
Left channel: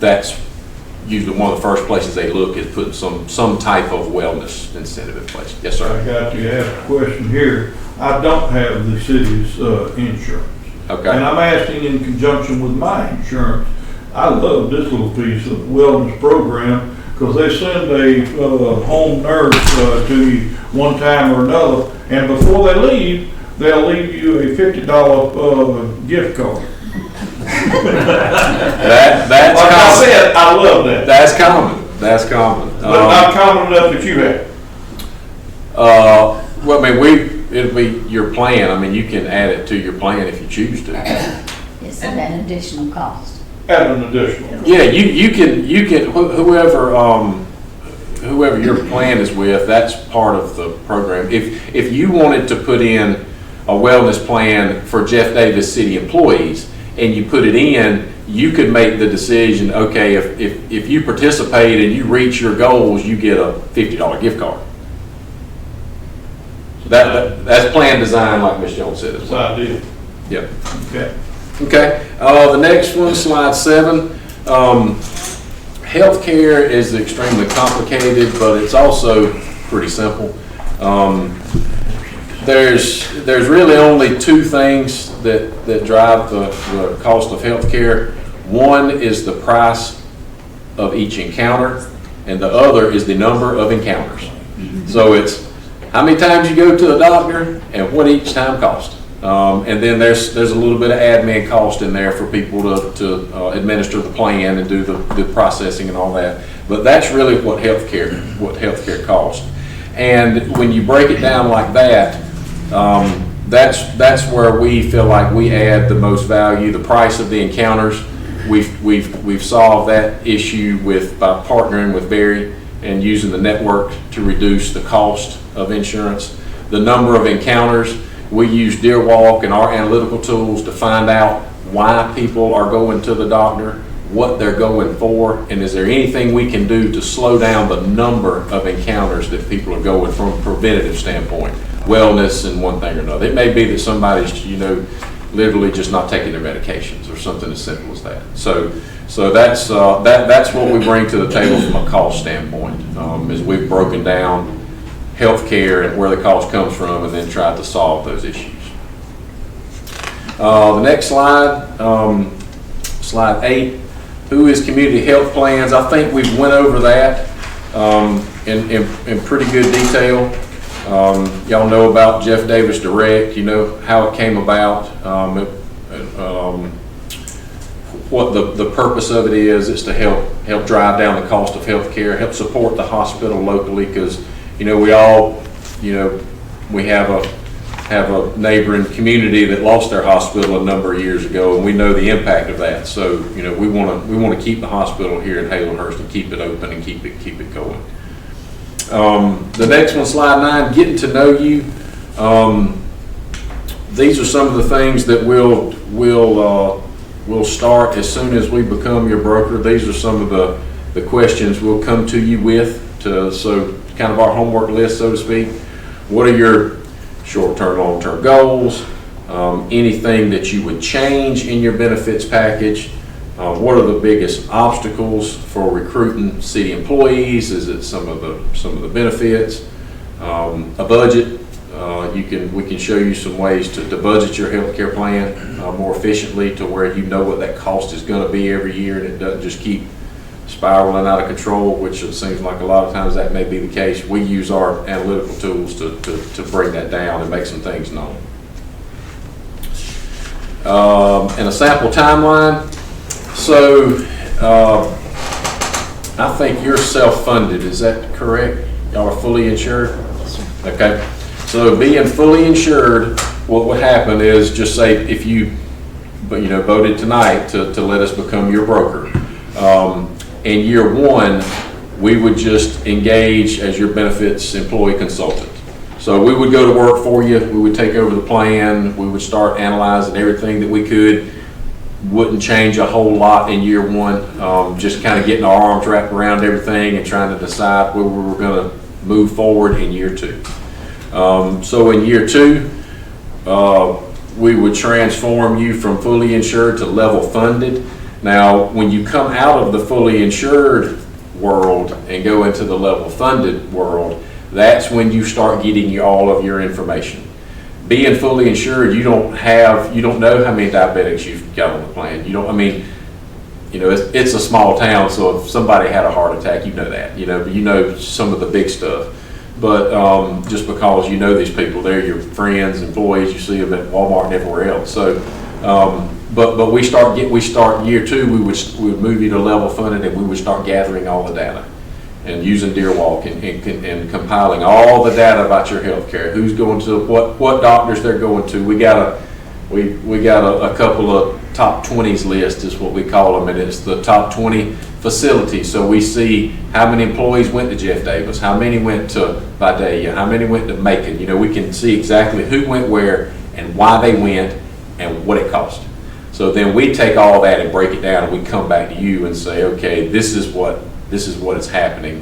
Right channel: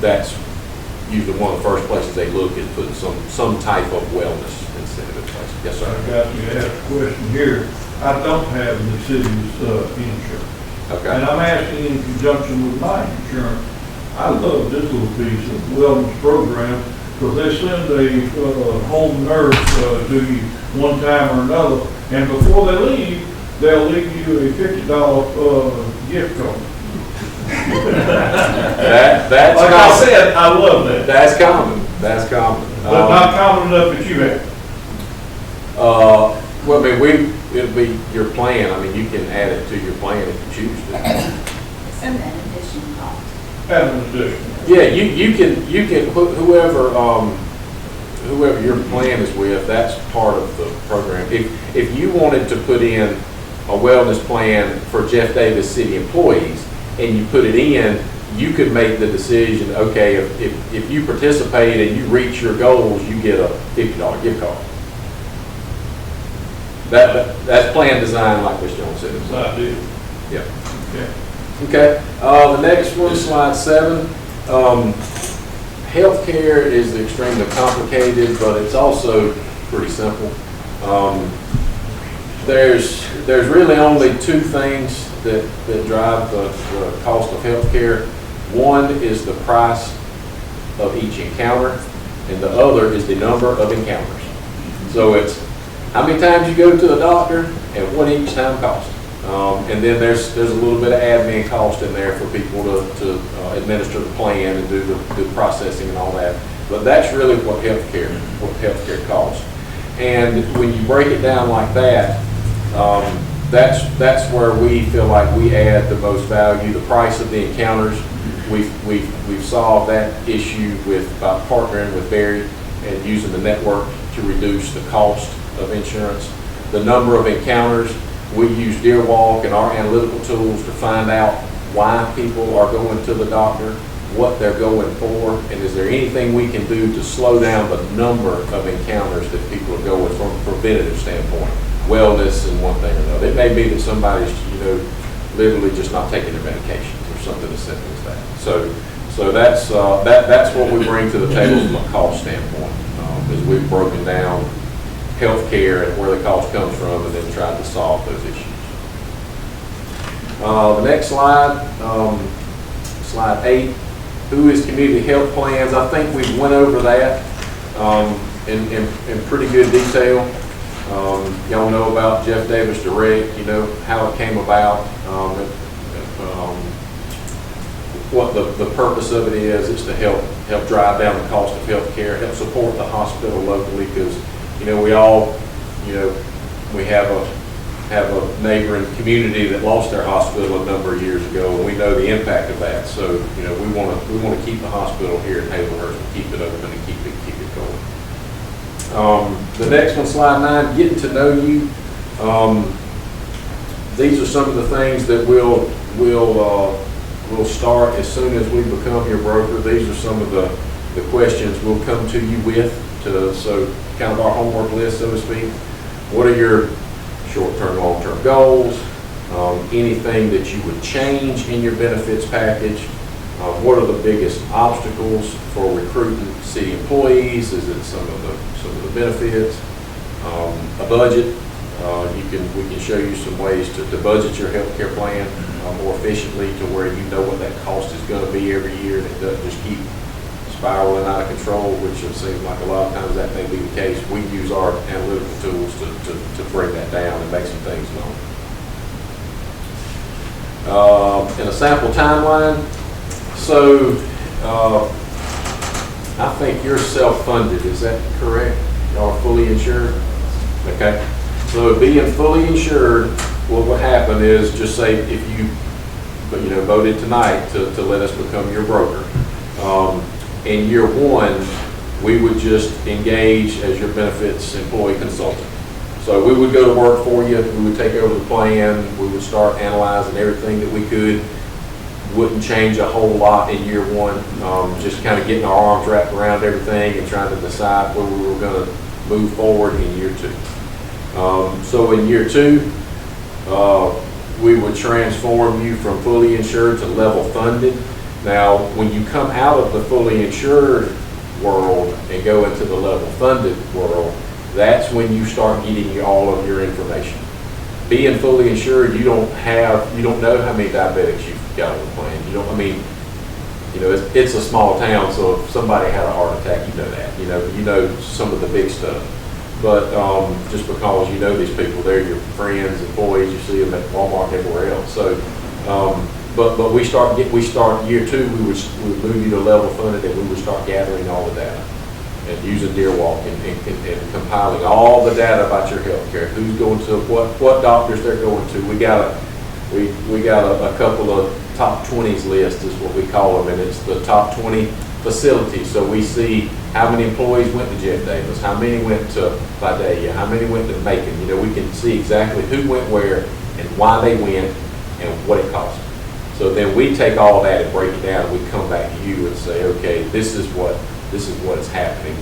that's usually one of the first places they look is putting some type of wellness incentive in place. Yes, sir. I got to ask a question here. I don't have the city's insurance. Okay. And I'm asking in conjunction with my insurance. I love this little piece of wellness program because they send a home nurse to you one time or another, and before they leave, they'll leave you a $50 gift card. That's like common. I said, I love that. That's common. That's common. But not common enough that you have. Well, I mean, it'll be your plan. I mean, you can add it to your plan if you choose to. It's an additional cost. Add an additional. Yeah, you can whoever your plan is with, that's part of the program. If you wanted to put in a wellness plan for Jeff Davis city employees and you put it in, you could make the decision, okay, if you participate and you reach your goals, you get a $50 gift card. That's plan design, like Ms. Jones said. That's ideal. Yep. Okay. Okay. The next one, slide 7. Healthcare is extremely complicated, but it's also pretty simple. There's really only two things that drive the cost of healthcare. One is the price of each encounter, and the other is the number of encounters. So it's how many times you go to a doctor and what each time costs. And then there's a little bit of admin cost in there for people to administer the plan and do the processing and all that. But that's really what healthcare costs. And when you break it down like that, that's where we feel like we add the most value. The price of the encounters, we've solved that issue by partnering with Barry and using the network to reduce the cost of insurance. The number of encounters, we use DeerWalk and our analytical tools to find out why people are going to the doctor. what they're going for, and is there anything we can do to slow down the number of encounters that people are going from a preventative standpoint, wellness and one thing or another. It may be that somebody's, literally just not taking their medications or something as simple as that. So that's what we bring to the table from a cost standpoint, is we've broken down healthcare and where the cost comes from and then tried to solve those issues. The next slide, slide 8, who is community health plans? I think we've went over that in pretty good detail. Y'all know about Jeff Davis Direct, you know how it came about, what the purpose of it is. It's to help drive down the cost of health care, help support the hospital locally, because we have a neighboring community that lost their hospital a number of years ago, and we know the impact of that. So we want to keep the hospital here at Hazelhurst and keep it open and keep it going. The next one, slide 9, getting to know you. These are some of the things that we'll start as soon as we become your broker. These are some of the questions we'll come to you with, so kind of our homework list, so to speak. What are your short-term, long-term goals? Anything that you would change in your benefits package? What are the biggest obstacles for recruiting city employees? Is it some of the benefits? A budget. We can show you some ways to budget your health care plan more efficiently, to where you know what that cost is going to be every year, and it doesn't just keep spiraling out of control, which it seems like a lot of times that may be the case. We use our analytical tools to bring that down and make some things known. And a sample timeline. So I think you're self-funded, is that correct? Y'all are fully insured? Okay. So being fully insured, what would happen is, just say if you voted tonight to let us become your broker. In year 1, we would just engage as your benefits employee consultant. So we would go to work for you, we would take over the plan, we would start analyzing everything that we could. Wouldn't change a whole lot in year 1, just kind of getting our arms wrapped around everything and trying to decide where we were going to move forward in year 2. So in year 2, we would transform you from fully insured to level funded. Now, when you come out of the fully insured world and go into the level funded world, that's when you start getting all of your information. Being fully insured, you don't know how many diabetics you've got on the plan. It's a small town, so if somebody had a heart attack, you know that. But you know some of the big stuff. But just because you know these people, they're your friends, employees, you see them at Walmart and everywhere else. So, but we start year 2, we would move you to level funded, and we would start gathering all the data and using DeerWalk and compiling all the data about your health care. Who's going to what doctors they're going to. We got a couple of top 20s list is what we call them, and it's the top 20 facilities. So we see how many employees went to Jeff Davis, how many went to Vidalia, how many went to Macon. We can see exactly who went where and why they went and what it cost. So then we take all that and break it down, and we come back to you and say, okay, this is what is happening.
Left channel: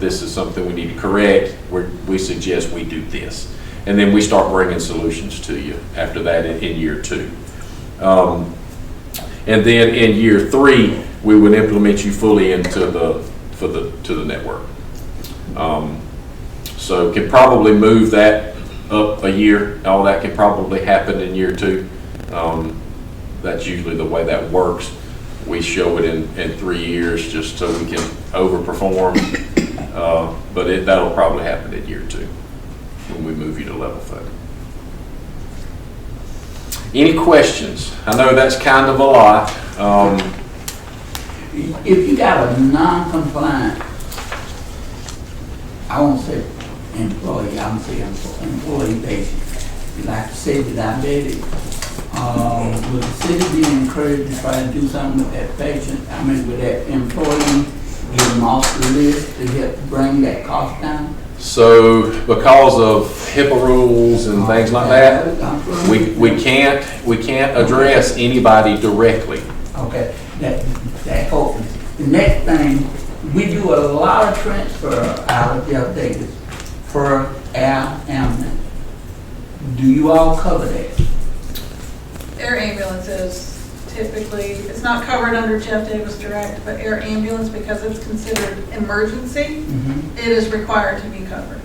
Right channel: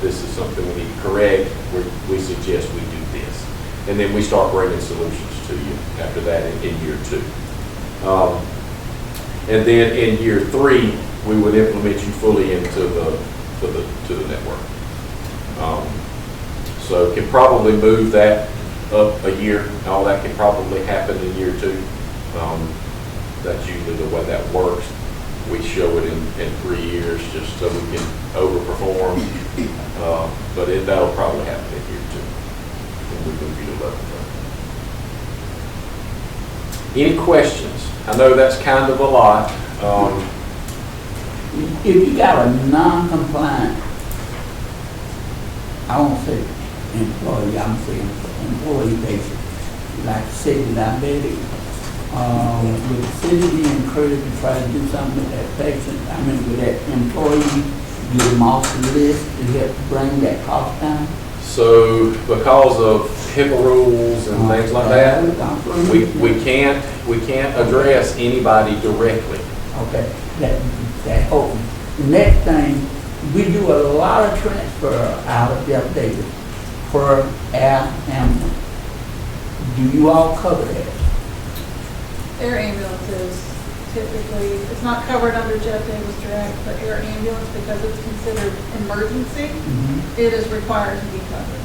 This is something we need to correct. We suggest we do this. And then we start bringing solutions to you after that in year 2. And then in year 3, we would implement you fully into the network. So can probably move that up a year. All that can probably happen in year 2. That's usually the way that works. We show it in 3 years just so we can overperform, but that'll probably happen in year 2 when we move you to level 5. Any questions? I know that's kind of a lot. If you got a non-compliant, I won't say employee, I'm saying employee patient, like the city diabetic, would the city be encouraged to try to do something with that patient? Would that employee give them off the list to help bring that cost down? So because of HIPAA rules and things like that, we can't address anybody directly. Okay, that that helps. The next thing, we do a lot of transfer out of Jeff Davis for air ambulance. Do you all cover that? Air ambulances typically, it's not covered under Jeff Davis Direct, but air ambulance, because it's considered emergency, it is required to be covered.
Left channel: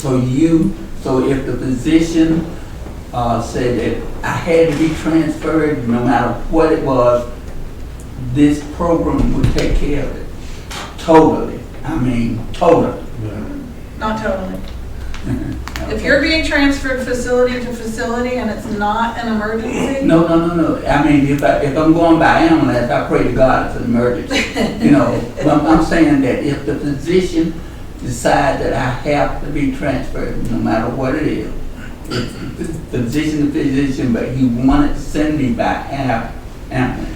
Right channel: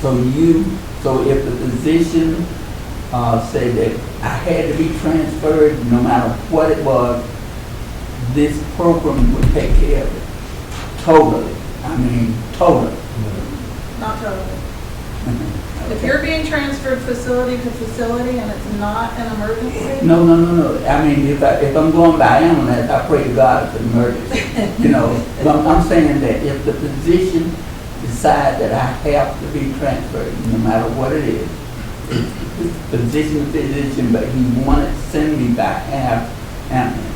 So if the physician said that I had to be transferred, no matter what it was, this program would take care of it. Totally. I mean, totally. Not totally. If you're being transferred facility to facility and it's not an emergency, No. I mean, if I'm going by ambulance, I pray to God it's an emergency. I'm saying that if the physician decides that I have to be transferred, no matter what it is, physician, but he wanted to send me by air ambulance,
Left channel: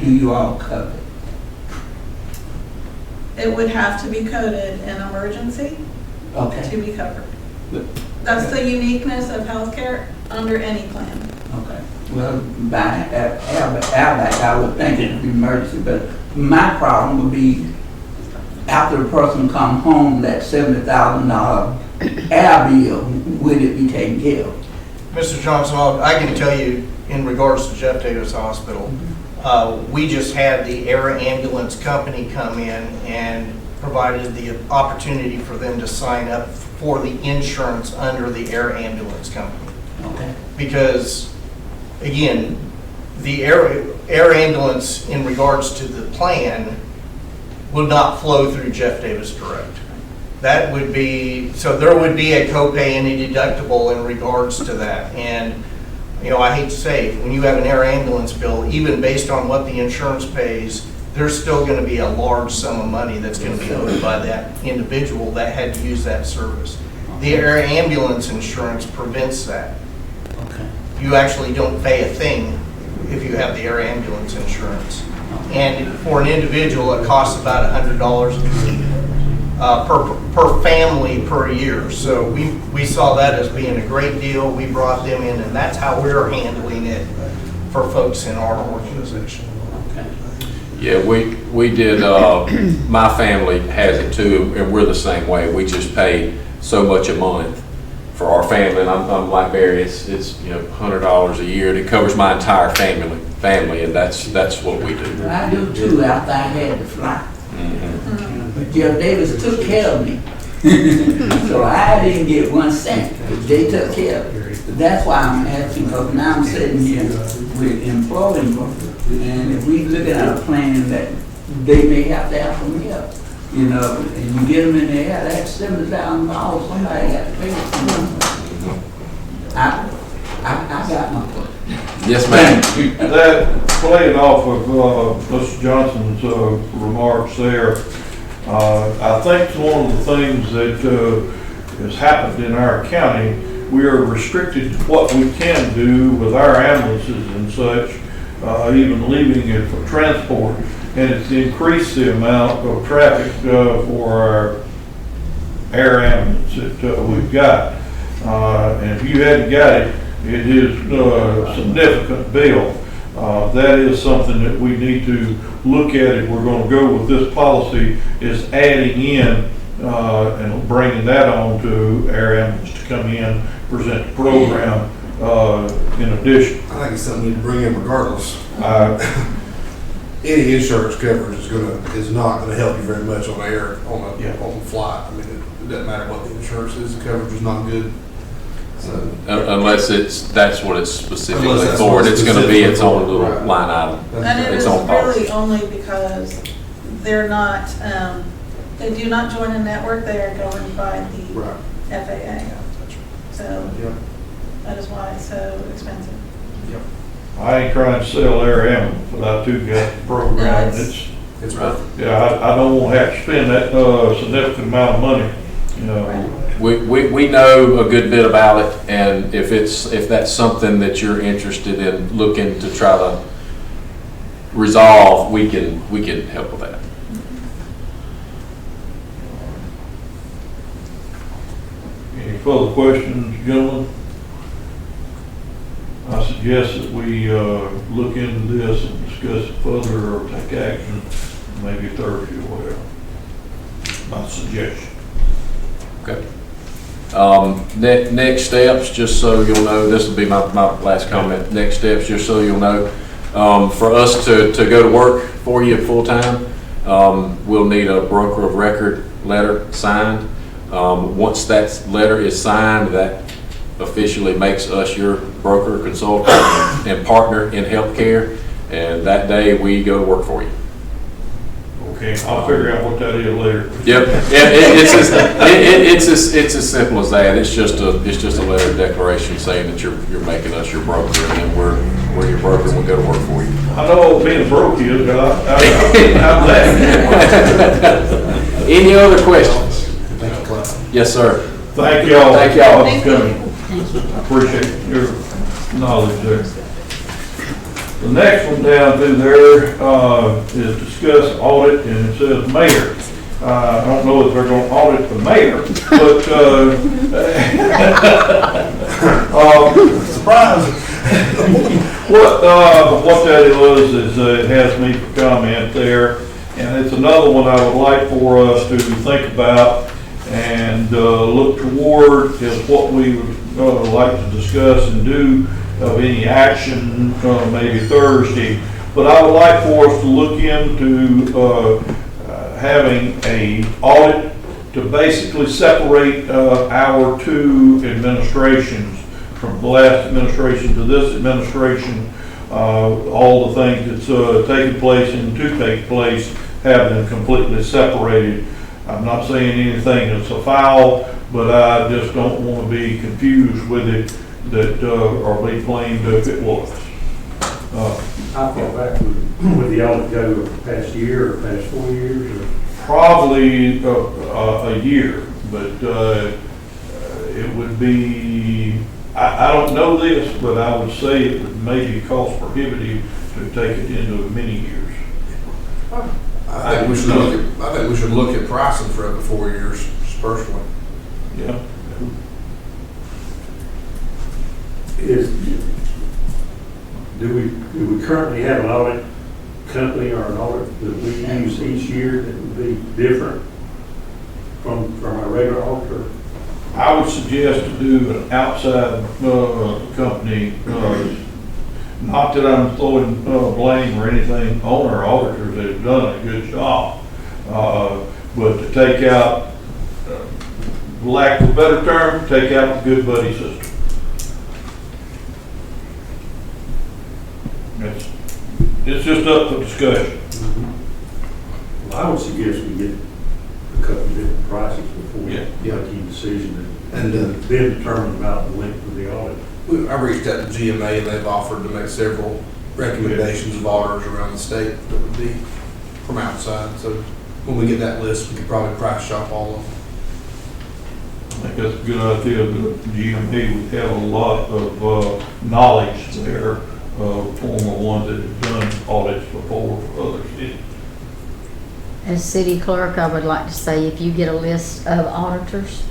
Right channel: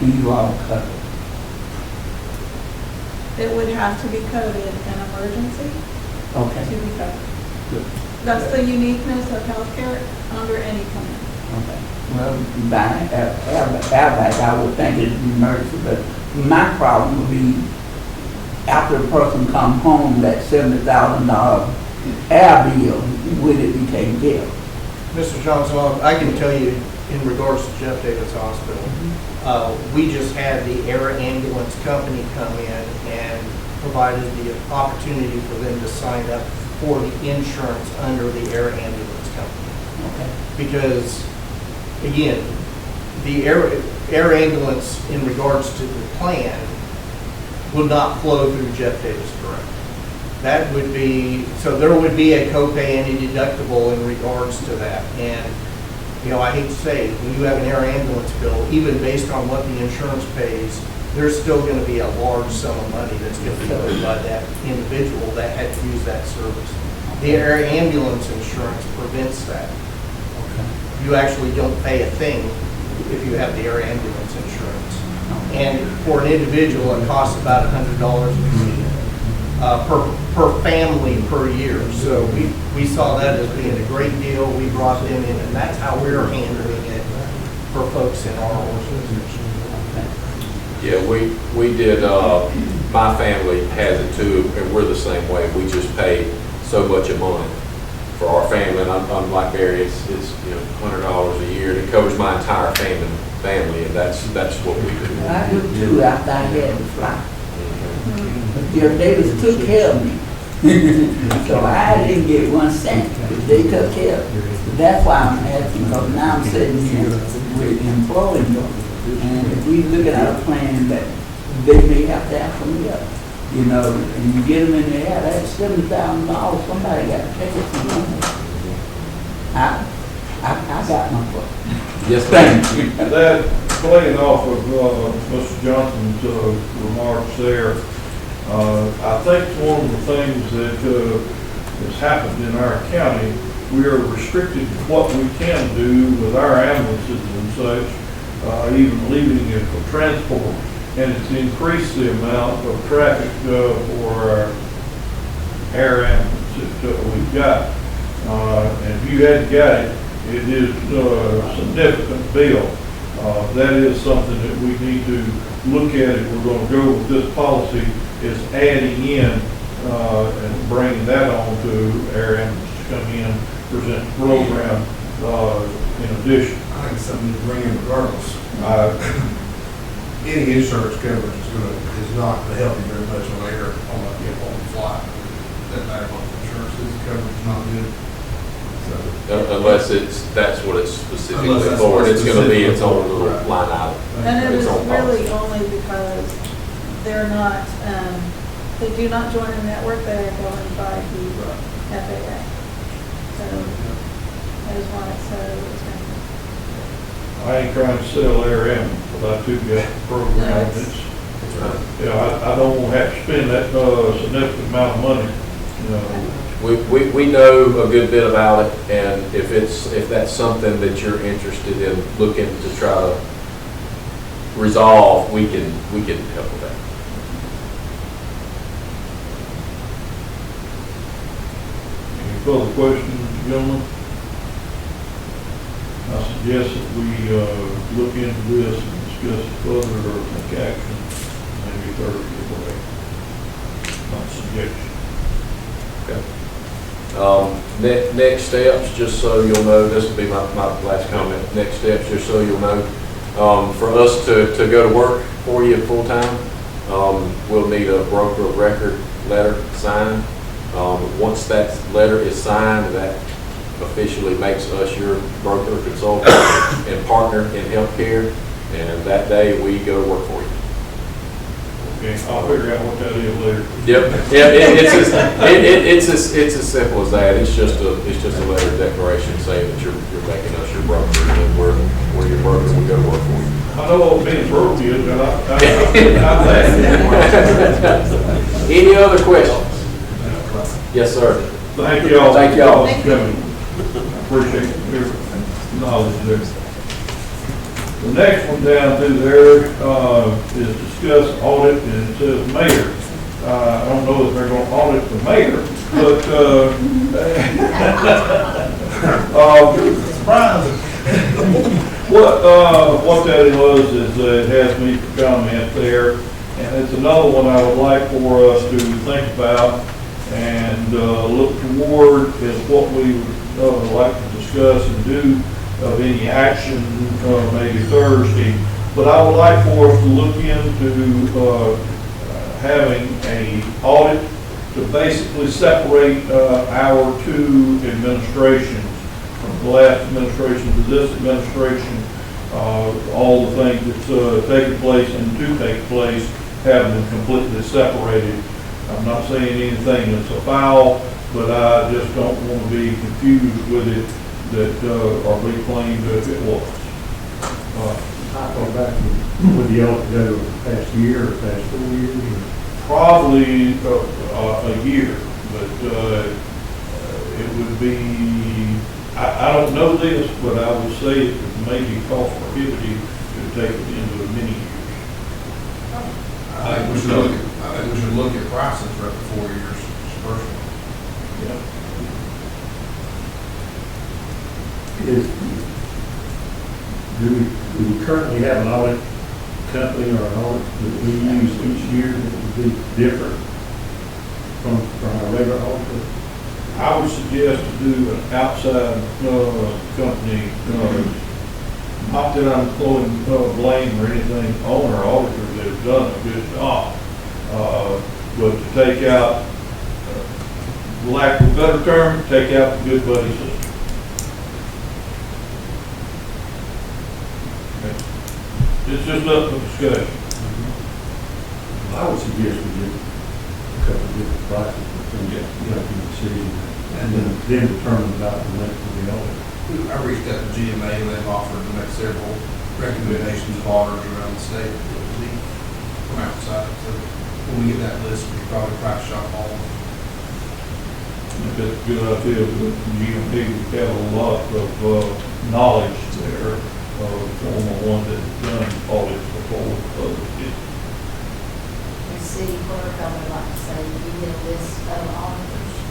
do you all cover? it would have to be coded in emergency Okay. to be covered. That's the uniqueness of healthcare under any plan. Okay. Well, by I would think it's emergency, but my problem would be after the person comes home, that $70,000 air bill, would it be taken care of? Mr. Johnson, I can tell you in regards to Jeff Davis Hospital, we just had the air ambulance company come in and provided the opportunity for them to sign up for the insurance under the air ambulance company. Okay. Because, again, the air ambulance in regards to the plan would not flow through Jeff Davis Direct. That would be, so there would be a copay and a deductible in regards to that. And, you know, I hate to say, when you have an air ambulance bill, even based on what the insurance pays, there's still going to be a large sum of money that's going to be owed by that individual that had to use that service. The air ambulance insurance prevents that. You actually don't pay a thing if you have the air ambulance insurance. And for an individual, it costs about $100 per family per year. So we saw that as being a great deal. We brought them in, and that's how we're handling it for folks in our organization. Yeah, we did, my family has it too, and we're the same way. We just pay so much a month for our family, and I'm like Barry, it's $100 a year, and it covers my entire family, and that's what we do. I do too, after I had to fly. But Jeff Davis took care of me. So I didn't get 1 cent. They took care of me. That's why I'm asking, because now I'm sitting here with employees, and if we look at a plan that they may have to have some help, and you get them in the air, that's $70,000, somebody got to pay it. I got my question. Yes, ma'am. That, playing off of Mr. Johnson's remarks there, I think one of the things that has happened in our county, we are restricted to what we can do with our ambulances and such, even leaving it for transport. And it's increased the amount of traffic for our air ambulance that we've got. And if you hadn't got it, it is a significant bill. That is something that we need to look at if we're going to go with this policy, is adding in and bringing that on to air ambulance to come in, present the program in addition. I think it's something you bring in regardless. Any insurance coverage is not gonna help you very much on air, on the flight. I mean, it doesn't matter what the insurance is, the coverage is not good. So, Unless that's what it's specifically Unless that's for, what and it's it's gonna be its specifically own for. little line item. And it Its is own policy. really only because they're not, they do not join the network, they are governed by the Right. FAA. So that is why it's so expensive. I ain't trying to sell air ambulance, but I too got the program. No, it's- It's right. I don't want to have to spend that significant amount of money, We know a good bit about it, and if that's something that you're interested in looking to try to resolve, we can help with that. Any further questions, gentlemen? I suggest that we look into this and discuss it further or take action, maybe Thursday or whatever. My suggestion. Next steps, just so you'll know, this will be my last comment. Next steps, just so you'll know, for us to go to work for you full-time, we'll need a broker of record letter signed. Once that letter is signed, that officially makes us your broker, consultant, and partner in healthcare, and that day we go to work for you. Okay, I'll figure out what that is later. Yep, it's as simple as that. It's just a letter of declaration saying that you're making us your broker, and then we're your broker, and we go to work for you. I know what being broke is, but I'm glad. Any other questions? Yes, sir. Thank y'all. Thank y'all. For coming. I appreciate your knowledge there. The next one down through there, is discuss audit, and it says mayor. I don't know if they're gonna audit the mayor, but, Surprise. What that was is, it has me for comment there, and it's another one I would like for us to think about and, look toward is what we would, like to discuss and do of any action, maybe Thursday. But I would like for us to look into, having a audit to basically separate, our two administrations, from the last administration to this administration, all the things that's, taking place and to take place, have them completely separated. I'm not saying anything that's a foul, but I just don't want to be confused with it that, or be claimed if it was. How far back would the audit go, past year or past 4 years? Or? Probably a year, but it would be, I don't know this, but I would say it may be cost prohibitive to take it into many years. I think we should look at pricing for up to 4 years, just personally. Yeah. Do we currently have an audit company or an audit that we use each year that would be different from our regular auditor? I would suggest to do an outside company, not that I'm throwing blame or anything on our auditors, they've done a good job, but to take out, for lack of a better term, take out the good buddy system. It's just up for discussion. Well, I would suggest we get a couple of different prices before we get a decision and then determine about the length of the audit. I reached out to GMA and they've offered to make several recommendations of auditors around the state that would be from outside. So when we get that list, we could probably price shop all of them. I think that's a good idea. The GMA, we have a lot of knowledge there, former ones that have done audits before others. As city clerk, I would like to say if you get a list of auditors,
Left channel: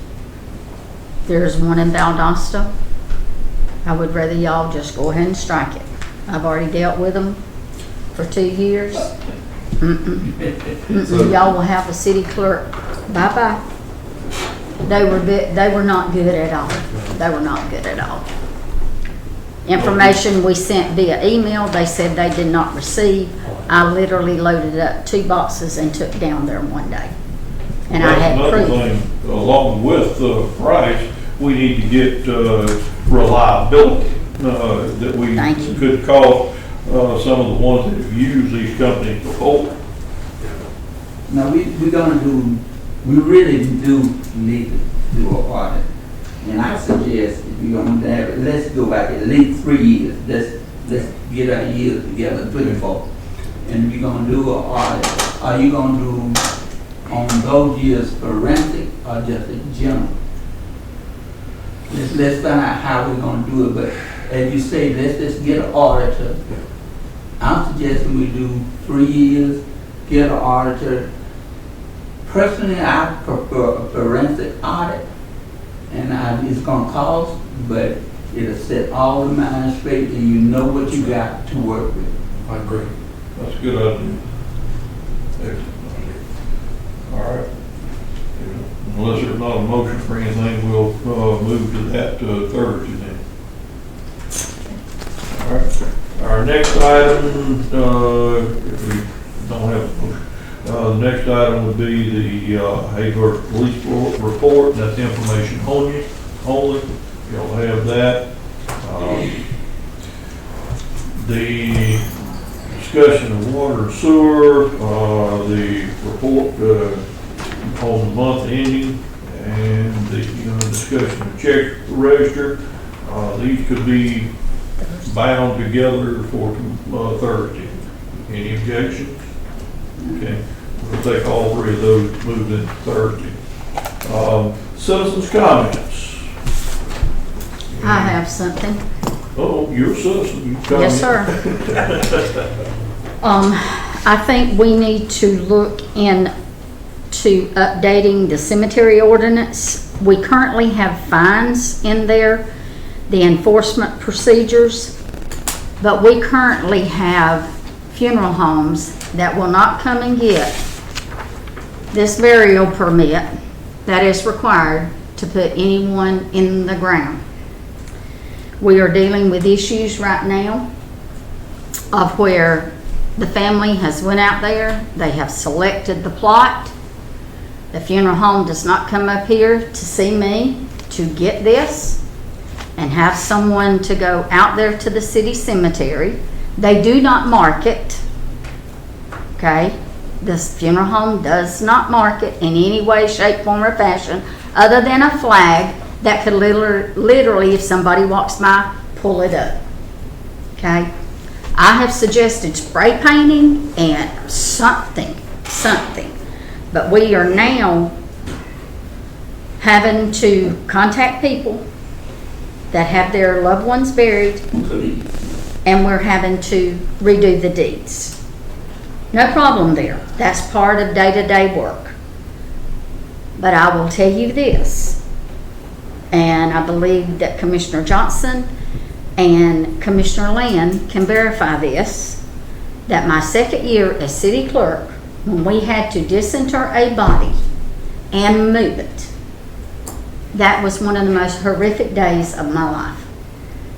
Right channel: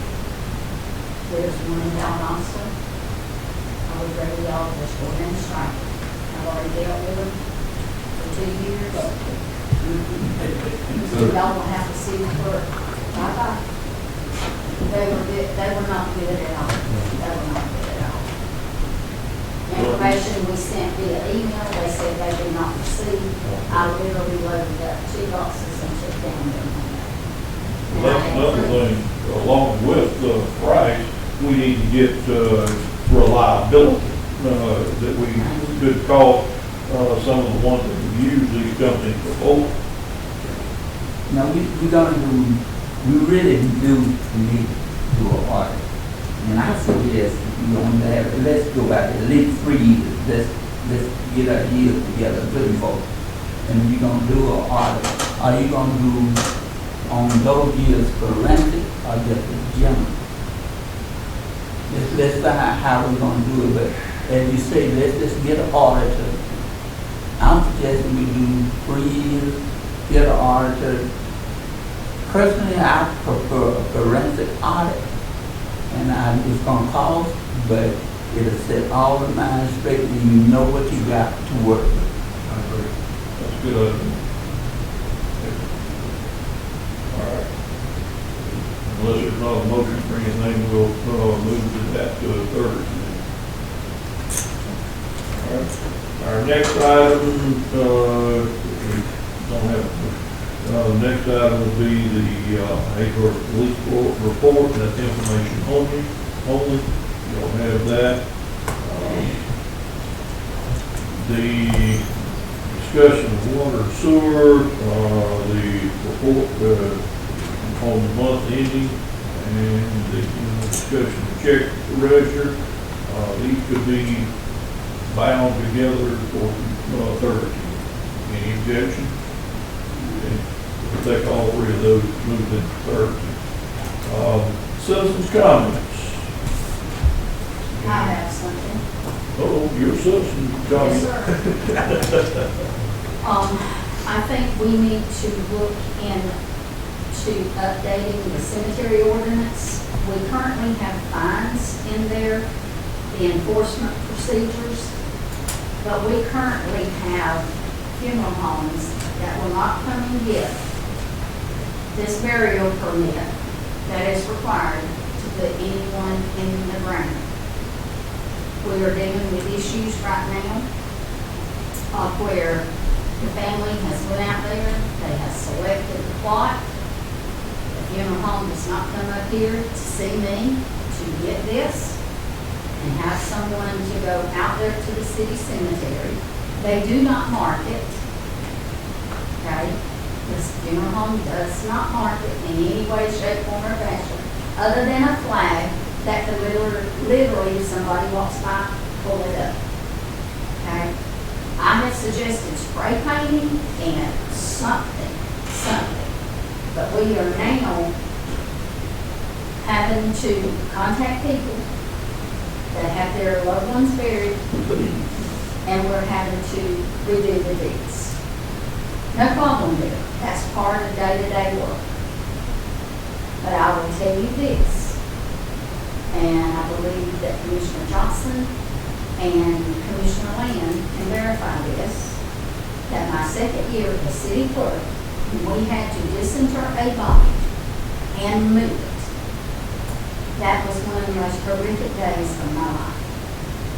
there's one in Valdosta, I would rather y'all just go ahead and strike it. I've already dealt with them for 2 years. Y'all will have a city clerk. Bye-bye. They were not good at all. They were not good at all. Information we sent via email, they said they did not receive. I literally loaded up 2 boxes and took down there one day. And I had another proof. thing, along with the price, we need to get reliability, that we Thank you. could call some of the ones that have used these companies before. Now, we really do need to do a audit. And I suggest, let's go back at least 3 years. Let's get our years together, 34. And we're gonna do an audit. Are you gonna do on those years forensic or just general? Let's find out how we're gonna do it, but as you say, let's just get an auditor. I'm suggesting we do 3 years, get an auditor. Personally, I prefer a forensic audit, and it's gonna cost, but it'll set all the minds straight, and you know what you got to work with. I agree. That's a good idea. All right. Unless there's not a motion for anything, we'll move to that Thursday then. All right. Our next item, if we don't have a motion, the next item will be the Hayward Police Report. That's information only. You'll have that. The discussion of water and sewer, the report on the month ending, and the discussion of check register. These could be bound together for Thursday. Any objection? Okay, we'll take all three of those, move them to Thursday. Citizens' comments. I have something. Oh, you're a citizen. You comment. Yes, sir. I think we need to look into updating the cemetery ordinance. We currently have fines in there, the enforcement procedures, but we currently have funeral homes that will not come and get this burial permit that is required to put anyone in the ground. We are dealing with issues right now of where the family has went out there, they have selected the plot. The funeral home does not come up here to see me to get this and have someone to go out there to the city cemetery. They do not mark it, okay? This funeral home does not mark it in any way, shape, form, or fashion, other than a flag that could literally, if somebody walks by, pull it up, okay? I have suggested spray painting and something, but we are now having to contact people that have their loved ones buried, and we're having to redo the deeds. No problem there. That's part of day-to-day work. But I will tell you this, and I believe that Commissioner Johnson and Commissioner Land can verify this, that my second year as city clerk, when we had to disinter a body and move it, that was one of the most horrific days of my life,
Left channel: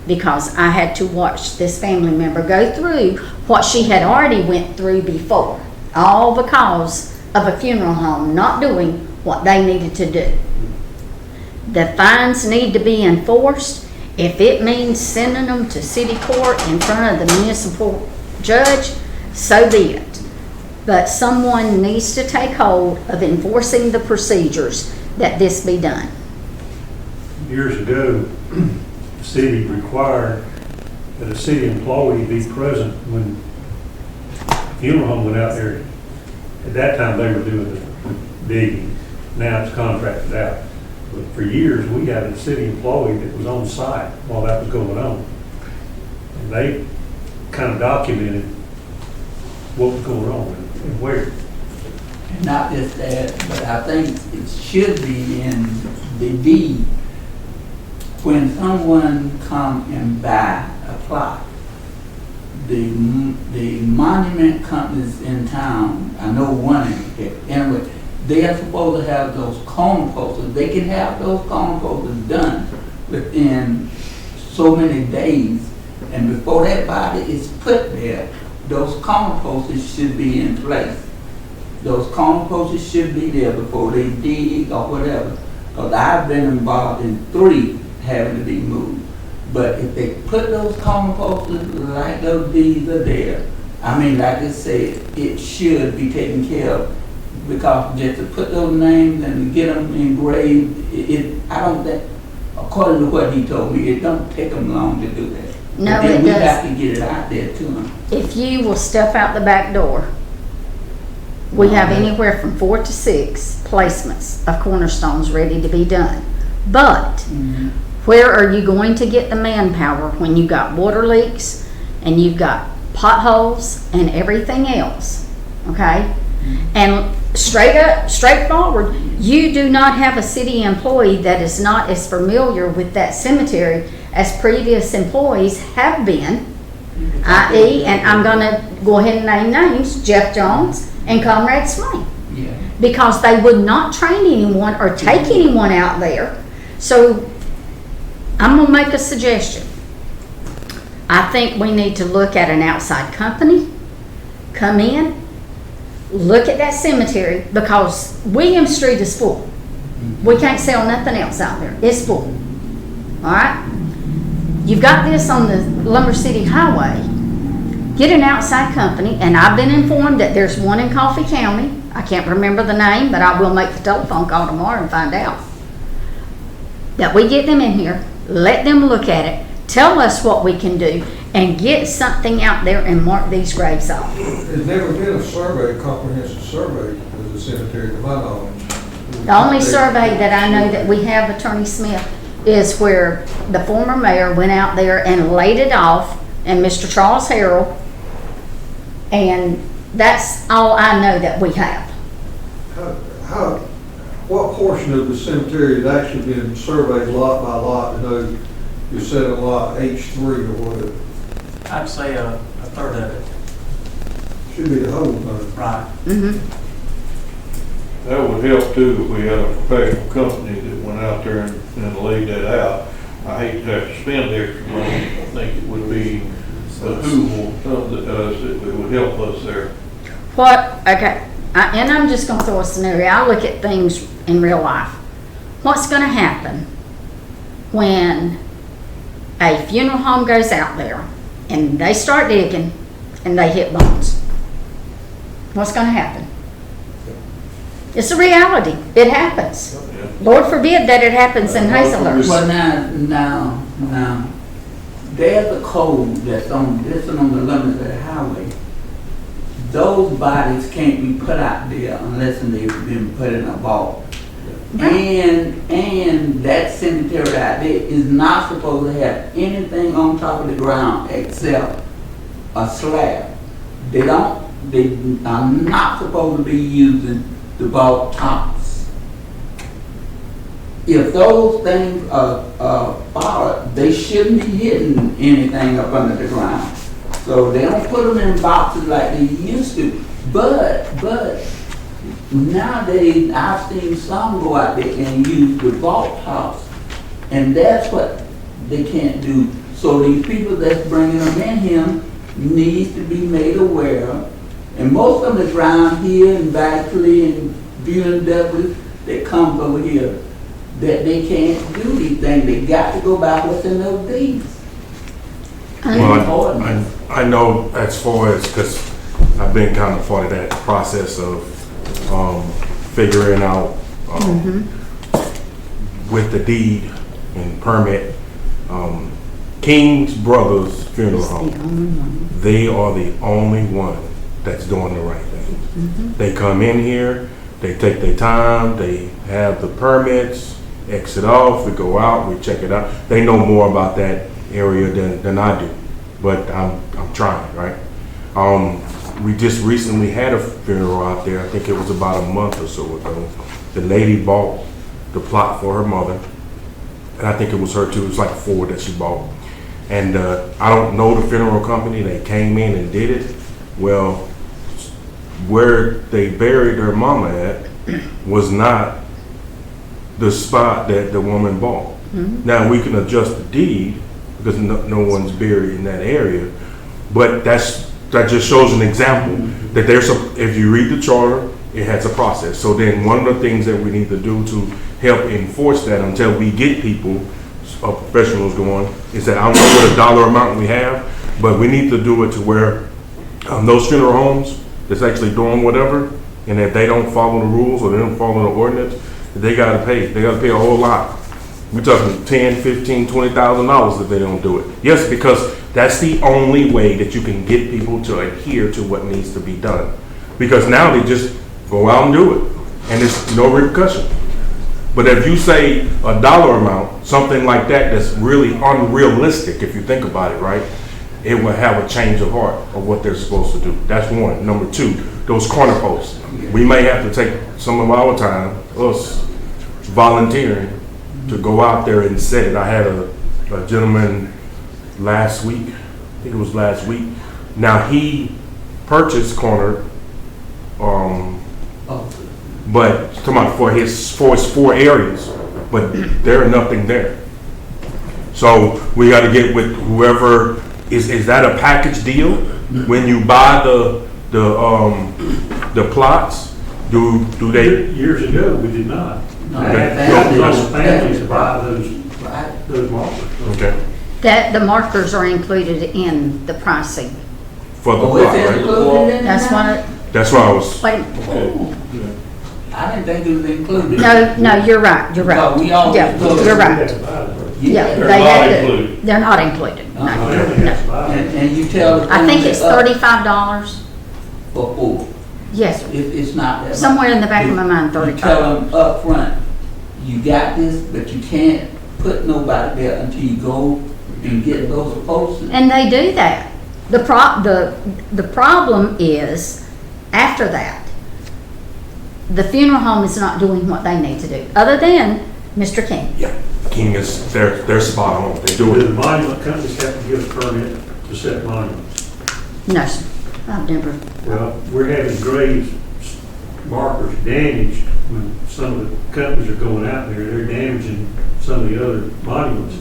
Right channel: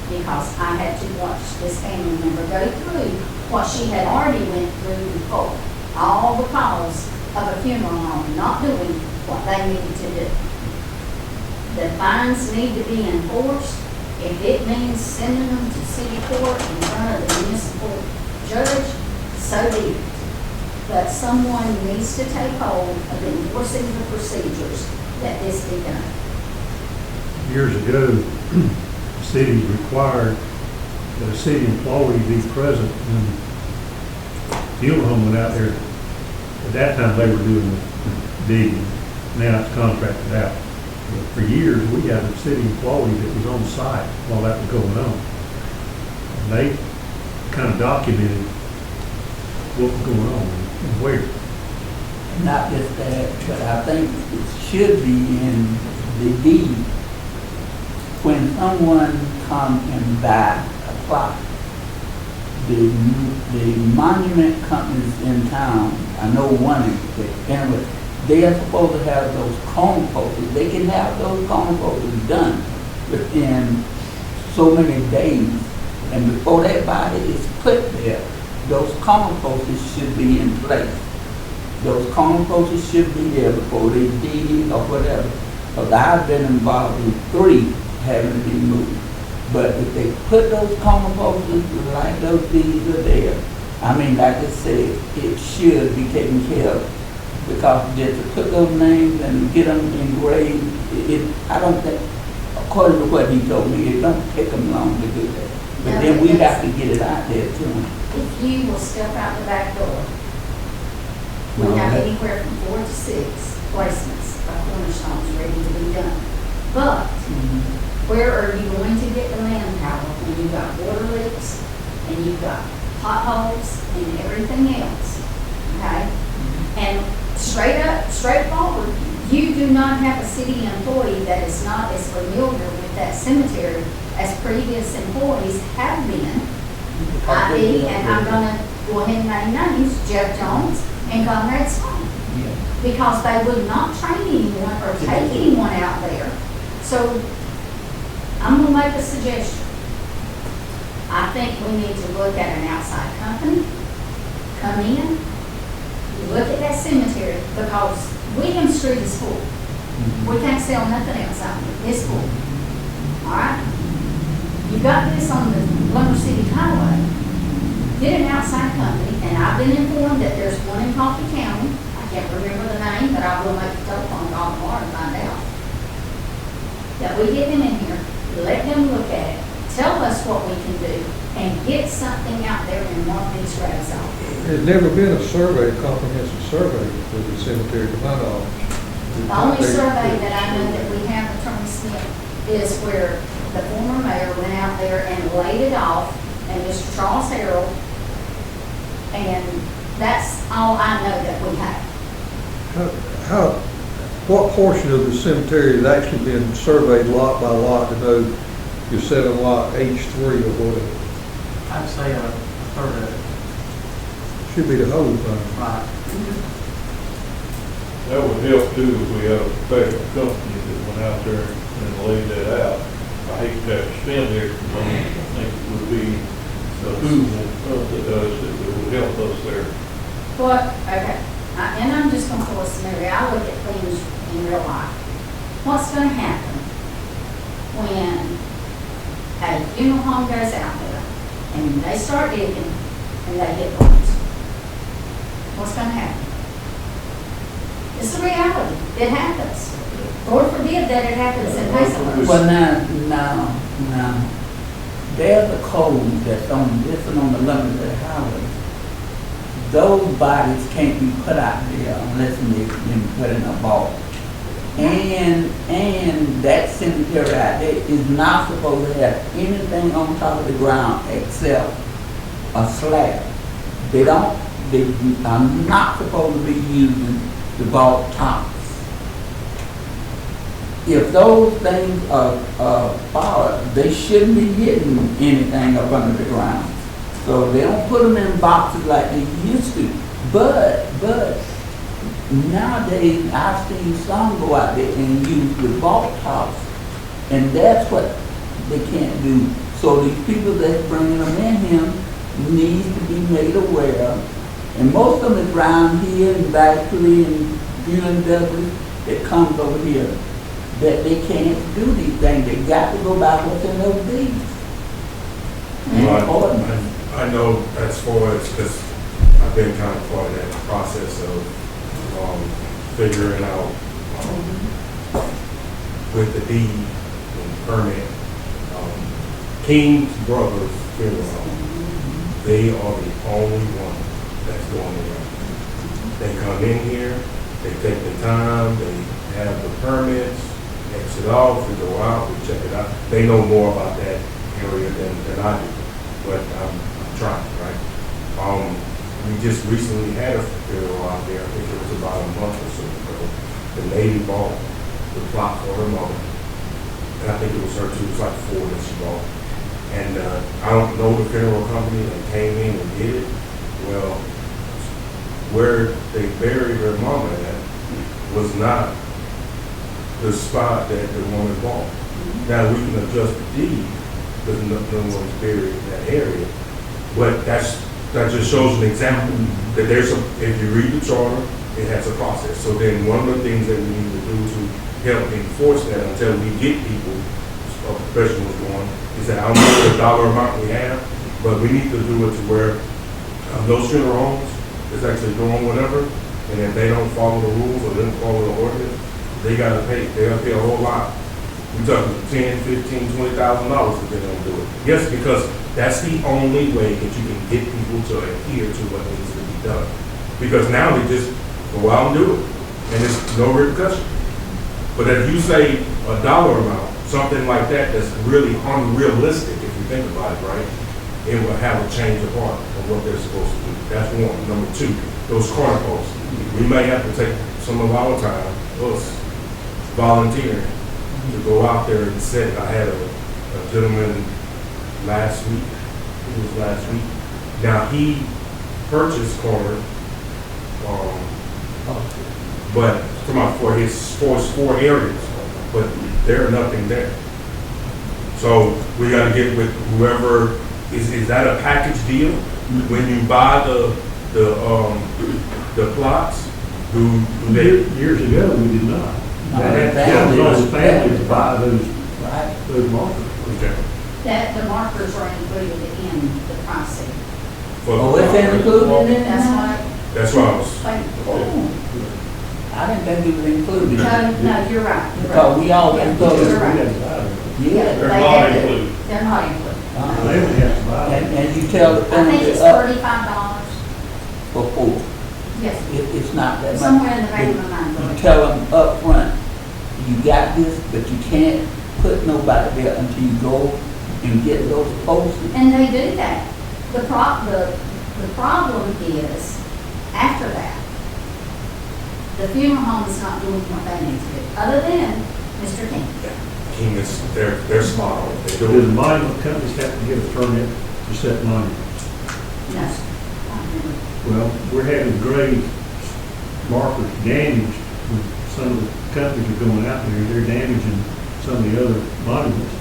because I had to watch this family member go through what she had already went through before, all because of a funeral home not doing what they needed to do. The fines need to be enforced. If it means sending them to city court in front of the municipal judge, so be it. But someone needs to take hold of enforcing the procedures that this be done. Years ago, the city required that a city employee be present when the funeral home went out there. At that time, they were doing the digging. Now it's contracted out. But for years, we had a city employee that was on site while that was going on. And they kind of documented what was going on and where. And not just that, but I think it should be in the deed. When someone comes and buy a plot, the monument companies in town, I know one in they are supposed to have those cone posters. They can have those cone posters done within so many days. And before that body is put there, those cone posters should be in place. Those cone posters should be there before they dig or whatever. Because I've been involved in 3 having to be moved. But if they put those cone posters like those deeds are there, I mean, like I said, it should be taken care of. Because just to put those names and get them engraved, I don't think, according to what he told me, it don't take them long to do that. No, and then it we does. have to get it out there to them. If you will step out the back door, we have anywhere from 4 to 6 placements of cornerstones ready to be done. But where are you going to get the manpower when you've got water leaks and you've got potholes and everything else? Okay? And straightforward, you do not have a city employee that is not as familiar with that cemetery as previous employees have been i.e., and I'm gonna go ahead and name names, Jeff Jones and Conrad Swain, Yeah. because they would not train anyone or take anyone out there. So I'm gonna make a suggestion. I think we need to look at an outside company, come in, look at that cemetery, because William Street is full. We can't sell nothing else out there. It's full. All right? You've got this on the Lumber City Highway. Get an outside company, and I've been informed that there's one in Coffee County. I can't remember the name, but I will make the telephone call tomorrow and find out. That we get them in here, let them look at it, tell us what we can do, and get something out there and mark these graves off. There's never been a survey, a comprehensive survey for the cemetery to my knowledge. The only survey that I know that we have, Attorney Smith, is where the former mayor went out there and laid it off, and Mr. Charles Harrell, and that's all I know that we have. What portion of the cemetery has actually been surveyed lot by lot to know you're setting lot H3 or whatever? I'd say a third of it. Should be the whole thing. Right. That would help too if we had a professional company that went out there and laid that out. I hate to have to spend the extra money. I think it would be a who will, it would help us there. What, okay, and I'm just gonna throw a scenario. I look at things in real life. What's gonna happen when a funeral home goes out there and they start digging and they hit bones? What's gonna happen? It's a reality. It happens. Lord forbid that it happens in Hazelhurst. But now, there's a code that's on the limits of the highway. Those bodies can't be put out there unless they've been put in a vault. And that cemetery out there is not supposed to have anything on top of the ground except a slab. They are not supposed to be using the vault tops. If those things are followed, they shouldn't be getting anything up under the ground. So they don't put them in boxes like they used to. But nowadays I've seen some go out there and use the vault tops, and that's what they can't do. So these people that's bringing them in here needs to be made aware. And most of them is around here in Baxley and UNW that comes over here, that they can't do these things. They got to go by what's in those deeds. Well, I know as far as, because I've been kind of part of that process of figuring out with the deed and permit, King's Brothers Funeral Home, they are the only one that's doing the right thing. They come in here, they take their time, they have the permits, exit off, we go out, we check it out. They know more about that area than I do, but I'm trying, right? We just recently had a funeral out there. I think it was about a month or so ago. The lady bought the plot for her mother, and I think it was her too. It was like 4 that she bought. And I don't know the funeral company that came in and did it. Well, where they buried her mama at was not the spot that the woman bought. Now we can adjust the deed because no one's buried in that area, but that just shows an example that if you read the charter, it has a process. So then one of the things that we need to do to help enforce that until we get people, professionals going, is that I don't know what a dollar amount we have, but we need to do it to where those funeral homes that's actually doing whatever, and if they don't follow the rules or they don't follow the ordinance, they gotta pay. They gotta pay a whole lot. We're talking $10,000, $15,000, $20,000 if they don't do it. Yes, because that's the only way that you can get people to adhere to what needs to be done. Because now they just go out and do it, and there's no repercussion. But if you say a dollar amount, something like that that's really unrealistic, if you think about it, right, it will have a change of heart of what they're supposed to do. That's one. Number two, those corner posts. We may have to take some of our time, us volunteering, to go out there and set it. I had a gentleman last week, it was last week. Now, he purchased corner, but, come on, for his 4 areas, but there nothing there. So we gotta get with whoever, is that a package deal? When you buy the plots, do they? Years ago, we did not. Right. Those families to buy those markers. Okay. That, the markers are included in the pricing. For the Oh, plot, it's right? included in That's that? what, That's what I was, wait, Oh. I didn't think it was included. no, you're right, you're So right. we always Yeah, thought- you're right. Yeah, They're they not had to- included. They're not included, no. And you tell. I think it's them $35. For 4. Yes, sir. It's not that much. Somewhere in the back of my mind, You 35. tell them up front, you got this, but you can't put nobody there until you go and get those posted. And they do that. The problem is, after that, the funeral home is not doing what they need to do, other than Mr. King. King is, they're spot on, they Do do the it. monument companies have to give a permit to set monuments? No, sir. I've never, Well, we're having grave markers damaged when some of the companies are going out there, they're damaging some of the other monuments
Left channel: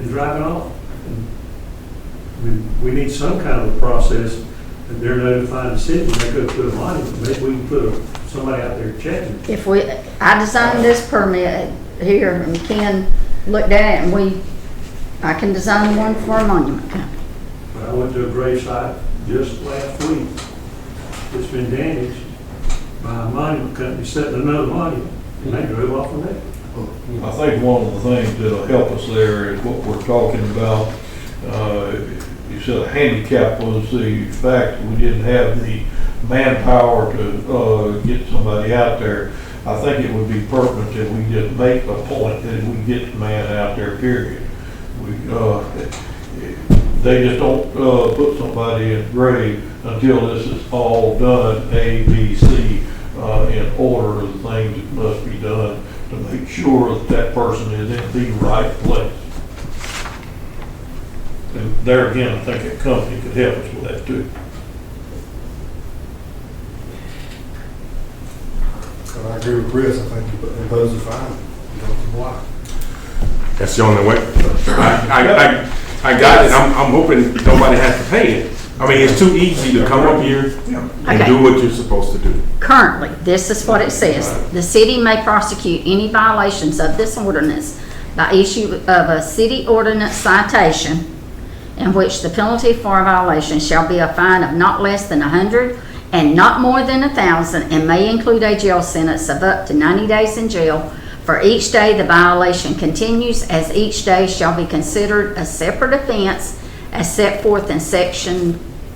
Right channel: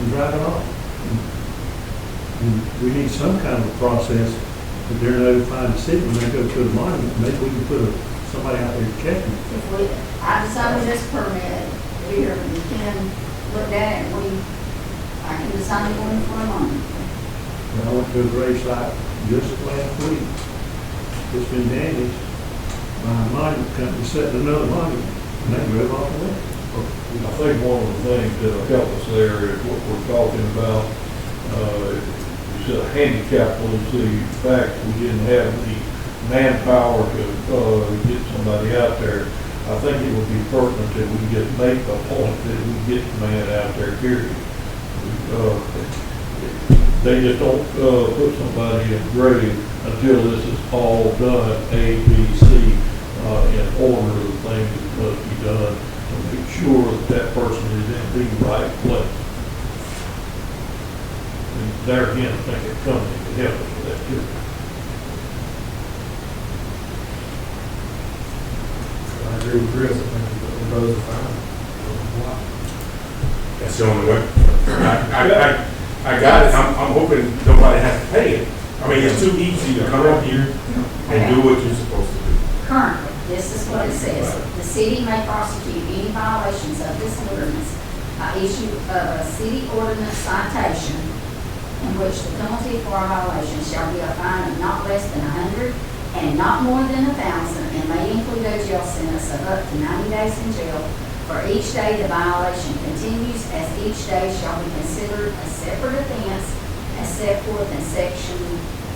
and driving off. And we need some kind of process that they're notifying the city when they go put a monument. Maybe we can put somebody out there checking. if we, I designed this permit here, and Ken looked at it, and I can design one for a monument. When I went to a grave site just last week, it's been damaged by a monument company setting another monument, and they drove off of it. I think one of the things that'll help us there is what we're talking about. You said handicap was the fact we didn't have the manpower to get somebody out there. I think it would be pertinent that we just make a point that we get the man out there, period. They just don't put somebody in grave until this is all done, A, B, C, in order of the things that must be done to make sure that that person is in the right place. And there again, I think a company could help us with that too. I agree with Chris, I think the roads are fine. Why? That's the only way. I got it, I'm hoping nobody has to pay it. I mean, it's too easy to come up here and Okay. do what you're supposed to do. Currently, this is what it says. The city may prosecute any violations of this ordinance by issue of a city ordinance citation in which the penalty for a violation shall be a fine of not less than 100 and not more than 1,000, and may include a jail sentence of up to 90 days in jail for each day the violation continues, as each day shall be considered a separate offense as set forth in section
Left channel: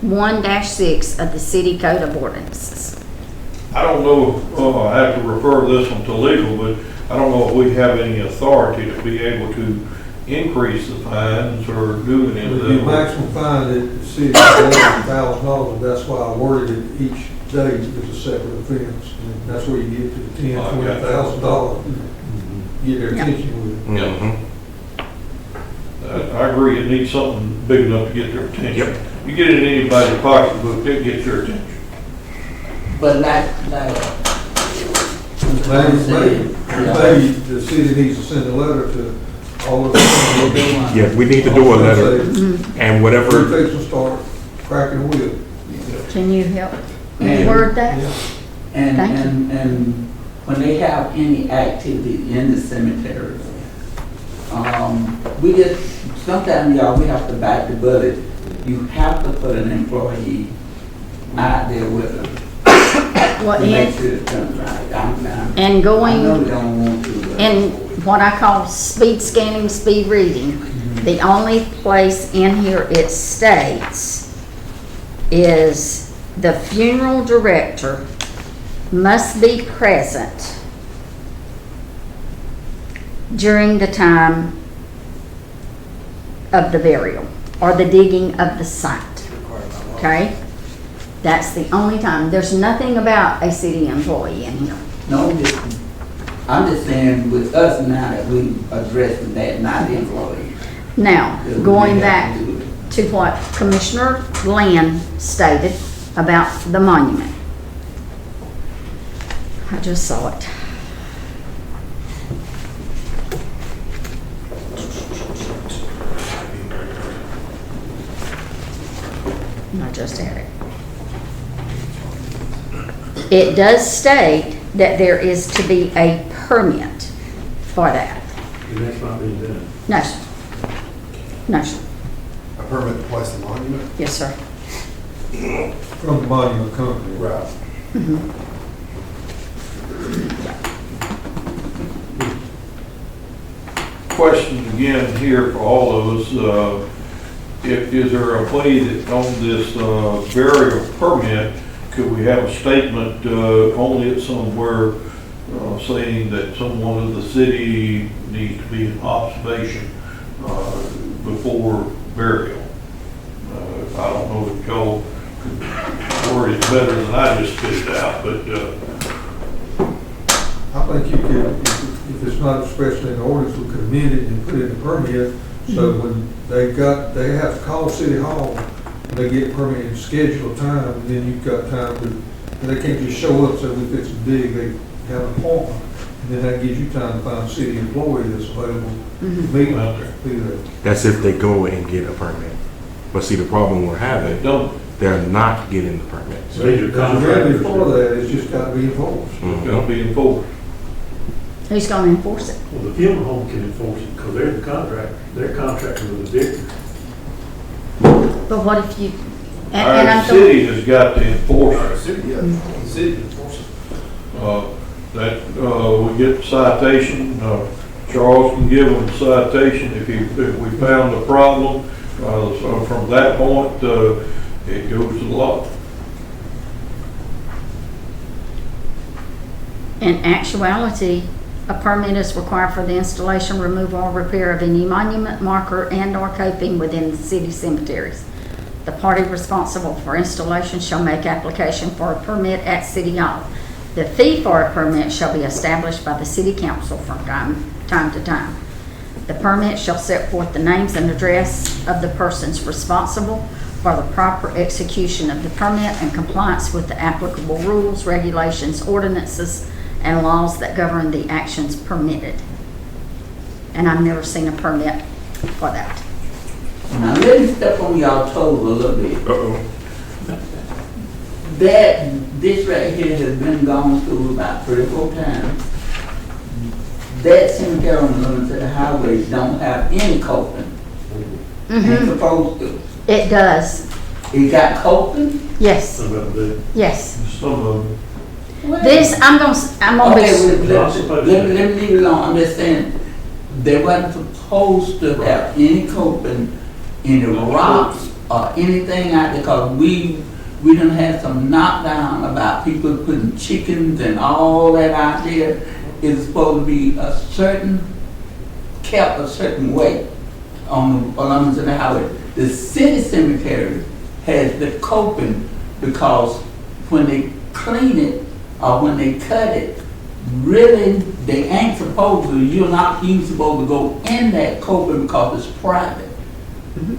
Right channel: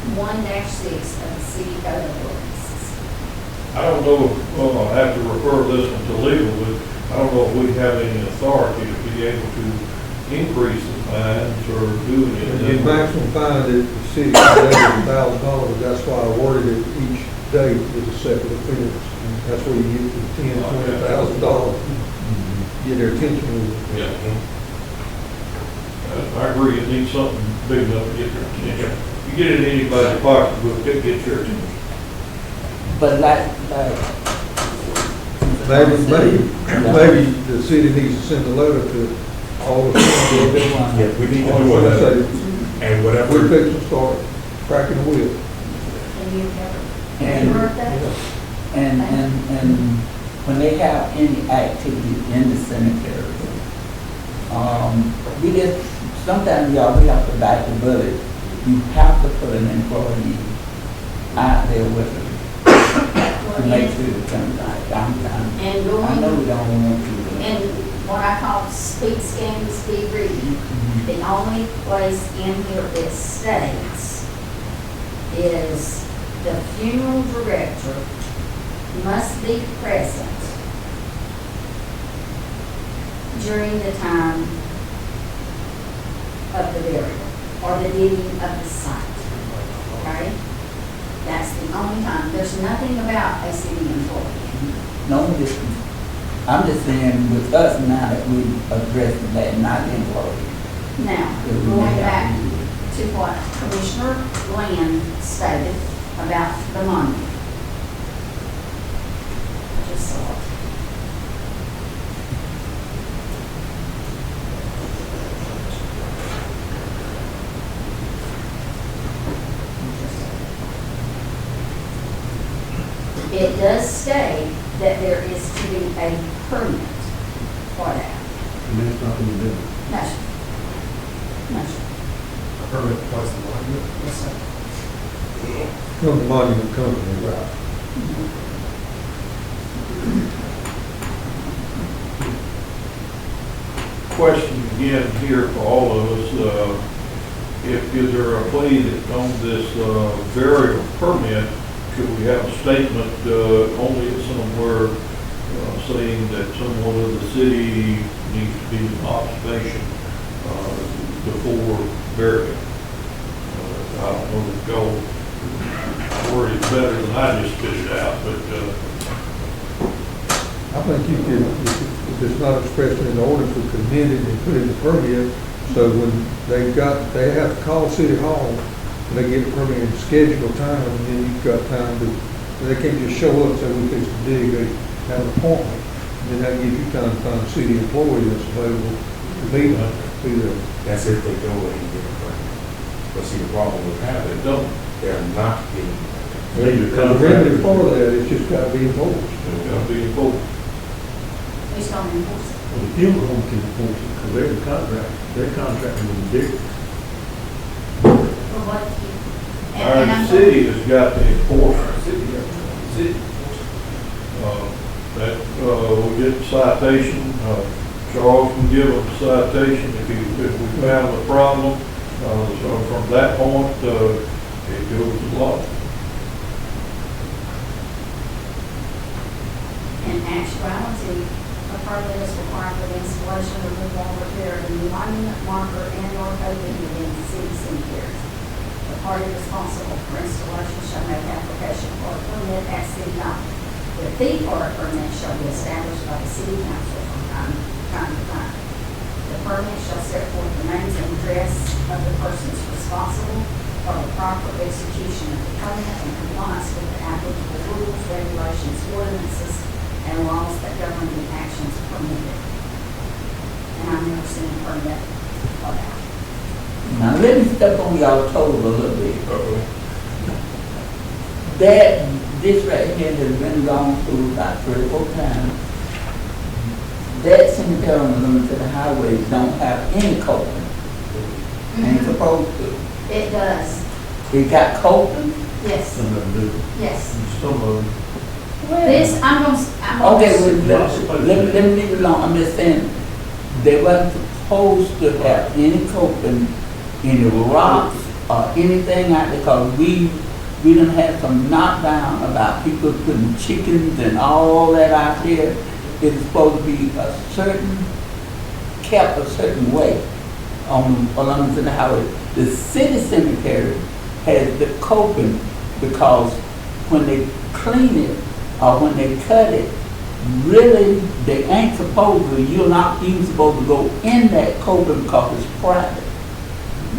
1-6 of the city code of ordinances. I don't know if, I have to refer this one to legal, but I don't know if we have any authority to be able to increase the fines or do any of The that. maximum fine that the city has is $1,000, that's why I worded it each day is a separate offense. And that's where you get to $10,000, $20,000, get their attention with it. Mhm. I agree, it needs something big enough to get their attention. Yep. You get it in anybody's pocketbook, it gets your attention. But Maybe the city needs to send a letter to all of them. Yeah, we need to do a letter and We're whatever, fixing to start cracking the whip. Can you help And- word that? and when they have any activity in the cemetery, we just, sometimes y'all, we have to bite the bullet. You have to put an employee out there with them Well, to make sure it comes right. and I know going, you don't want to. and what I call speed scanning, speed reading, the only place in here it states is the funeral director must be present during the time of the burial or the digging of the site. Okay? That's the only time. There's nothing about a city employee in here. No, I'm just saying with us now that we addressing that, not the employee. Now, that we going may have back, to do it. to what Commissioner Glenn stated about the monument. I just saw it. I just had it. It does state that there is to be a permit for that. And that's not been done. No, sir. No, sir. A permit to place the monument. Yes, sir. From the monument company, right? Question again here for all of us, is there a plea that on this burial permit, could we have a statement only at somewhere saying that someone of the city needs to be in observation before burial? I don't know if y'all could word it better than I just spit it out, but I think you can, if it's not expressed in the ordinance, we can amend it and put it in the permit. So when they have to call City Hall, and they get permit and schedule time, and then you've got time to, they can't just show up, so we fix to dig, they have an appointment. And then that gives you time to find a city employee that's available to meet out there. Be there. That's if they go and get a permit. But see, the problem we're having, they're not getting the permit. Need a The contractor. remedy for that, it's just gotta be enforced. it's gonna be enforced. Who's going to enforce it? Well, the funeral home can enforce it, because they're the contract, they're contracting with the digger. But what if you, and Our I'm city has got to enforce it. City. We get the citation, Charles can give them the citation if we found a problem. So from that point, it goes to law. in actuality, a permit is required for the installation, removal, or repair of any monument, marker, and/or coping within the city cemeteries. The party responsible for installation shall make application for a permit at City Hall. The fee for a permit shall be established by the City Council from time to time. The permit shall set forth the names and address of the persons responsible for the proper execution of the permit and compliance with the applicable rules, regulations, ordinances, and laws that govern the actions permitted. And I've never seen a permit for that. Now, let me step on y'all toes a little bit. Uh-oh. This right here has been gone through about 3 or 4 times. That cemetery on the limited highways don't have any coping. Ain't supposed to. It does, It got coping? yes, Some of them do. yes. Some of them. This, I'm gonna Okay, be, well, Not supposed let to. me leave it alone. I'm just saying, they wasn't supposed to have any coping in the rocks or anything out there, because we done had some knockdown about people putting chickens and all that out there. It's supposed to be a certain, kept a certain way along the highway. The city cemetery has the coping because when they clean it or when they cut it, really, they ain't supposed to, you're not even supposed to go in that coping because it's private.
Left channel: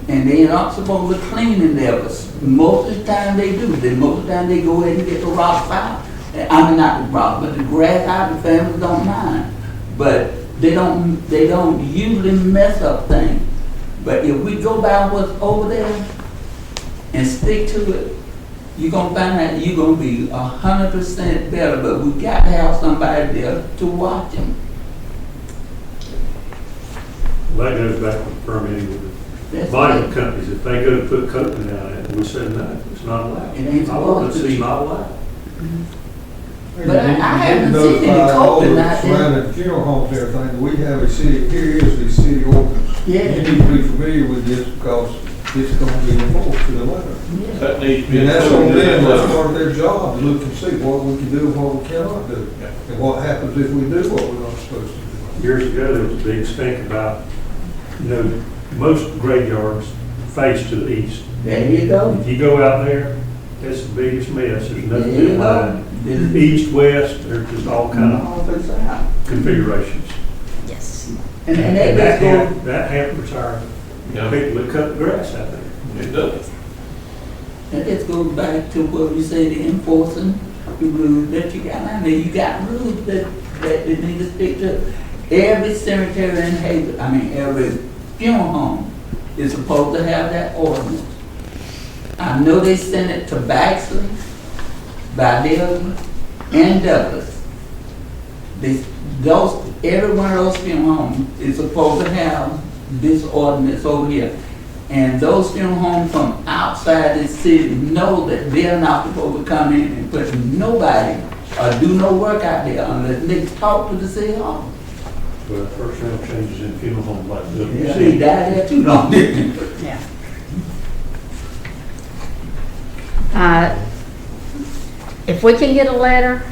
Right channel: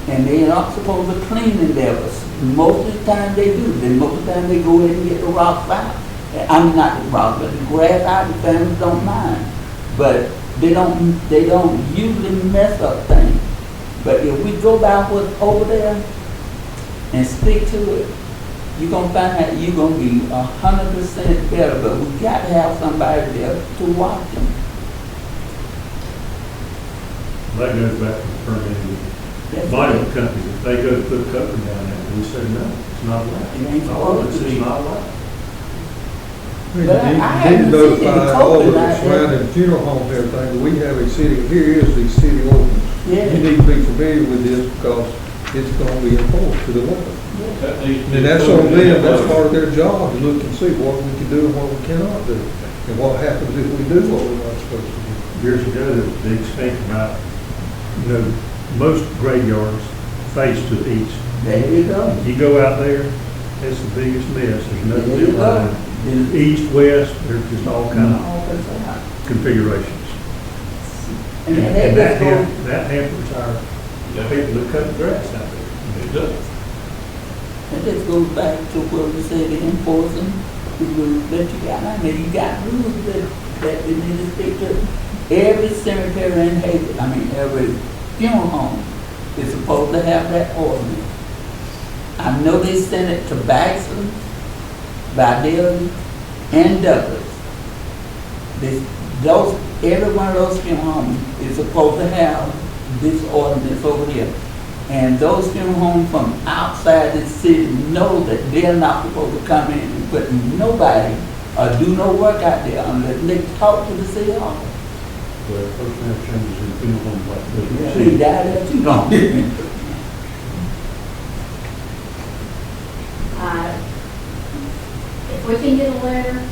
And they're not supposed to clean in there, but most of the time they do. Most of the time they go in and get the rocks out. I mean, not the rocks, but the grass out, the families don't mind. But they don't usually mess up things. But if we go by what's over there and stick to it, you're gonna find that you're gonna be 100% better. But we got to have somebody there to watch them. That goes back to the permitting with That's the monument companies. If they go to put coating down there, and we say, no, it's not allowed. It ain't supposed to be. It's not allowed. But I haven't seen any coping out there. Surrounding funeral homes and everything, we have a city, here is the city ordinance. Yeah. You need to be familiar with this because it's gonna be enforced to the letter. That needs to be. And that's on them, that's part of their job, to look and see what we can do and what we cannot do. And what happens if we do what we're not supposed to do. Years ago, there was a big stink about, most graveyards face to the east. There you go. You go out there, it's the biggest mess. There's no There you go. line. East, west, there's just all kind of All this out. configurations. yes. And And that just goes, that hampers our Yeah. people that cut the grass out there. It does. And this goes back to what we said, enforcing the rules that you got. I mean, you got rules that you need to stick to. Every cemetery in Hayward, every funeral home is supposed to have that ordinance. I know they sent it to Baxter, Vidalia, and Douglas. Every one of those funeral homes is supposed to have this ordinance over here. And those funeral homes from outside the city know that they're not supposed to come in and put nobody or do no work out there unless they talk to the city hall. But personnel changes in funeral home like Yeah, this. he died there too long, didn't he? Yeah. If we can get a letter,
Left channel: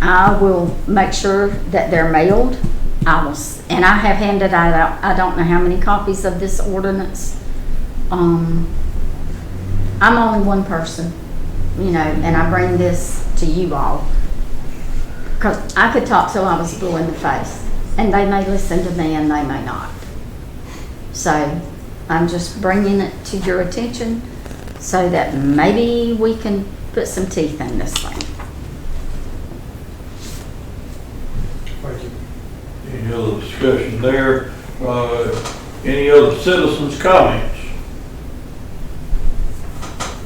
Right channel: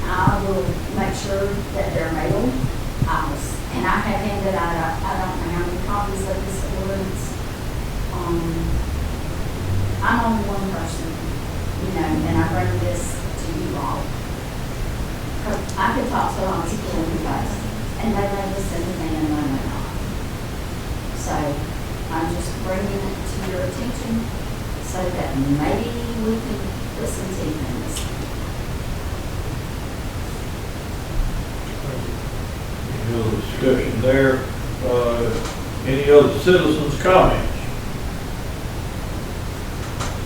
I will make sure that they're mailed. And I have handed out, I don't know how many copies of this ordinance. I'm only one person, and I bring this to you all. Because I could talk till I was blue in the face, and they may listen to me and they may not. So I'm just bringing it to your attention so that maybe we can put some teeth in this thing. Any other discussion there? Any other citizens' comments?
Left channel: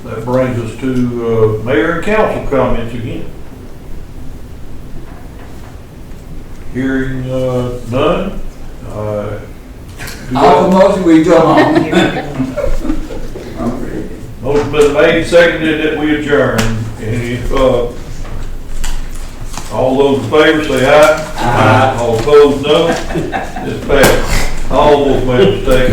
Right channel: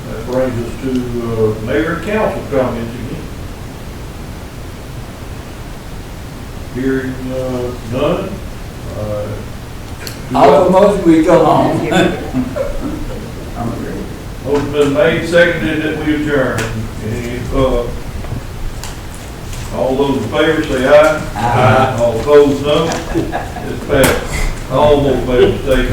That brings us to mayor and council comments again. Hearing none. All the motion, we go home. Motion been made, seconded that we adjourn. Any, all those in favor say aye. Aye. All opposed, no. It's passed. All those made a mistake.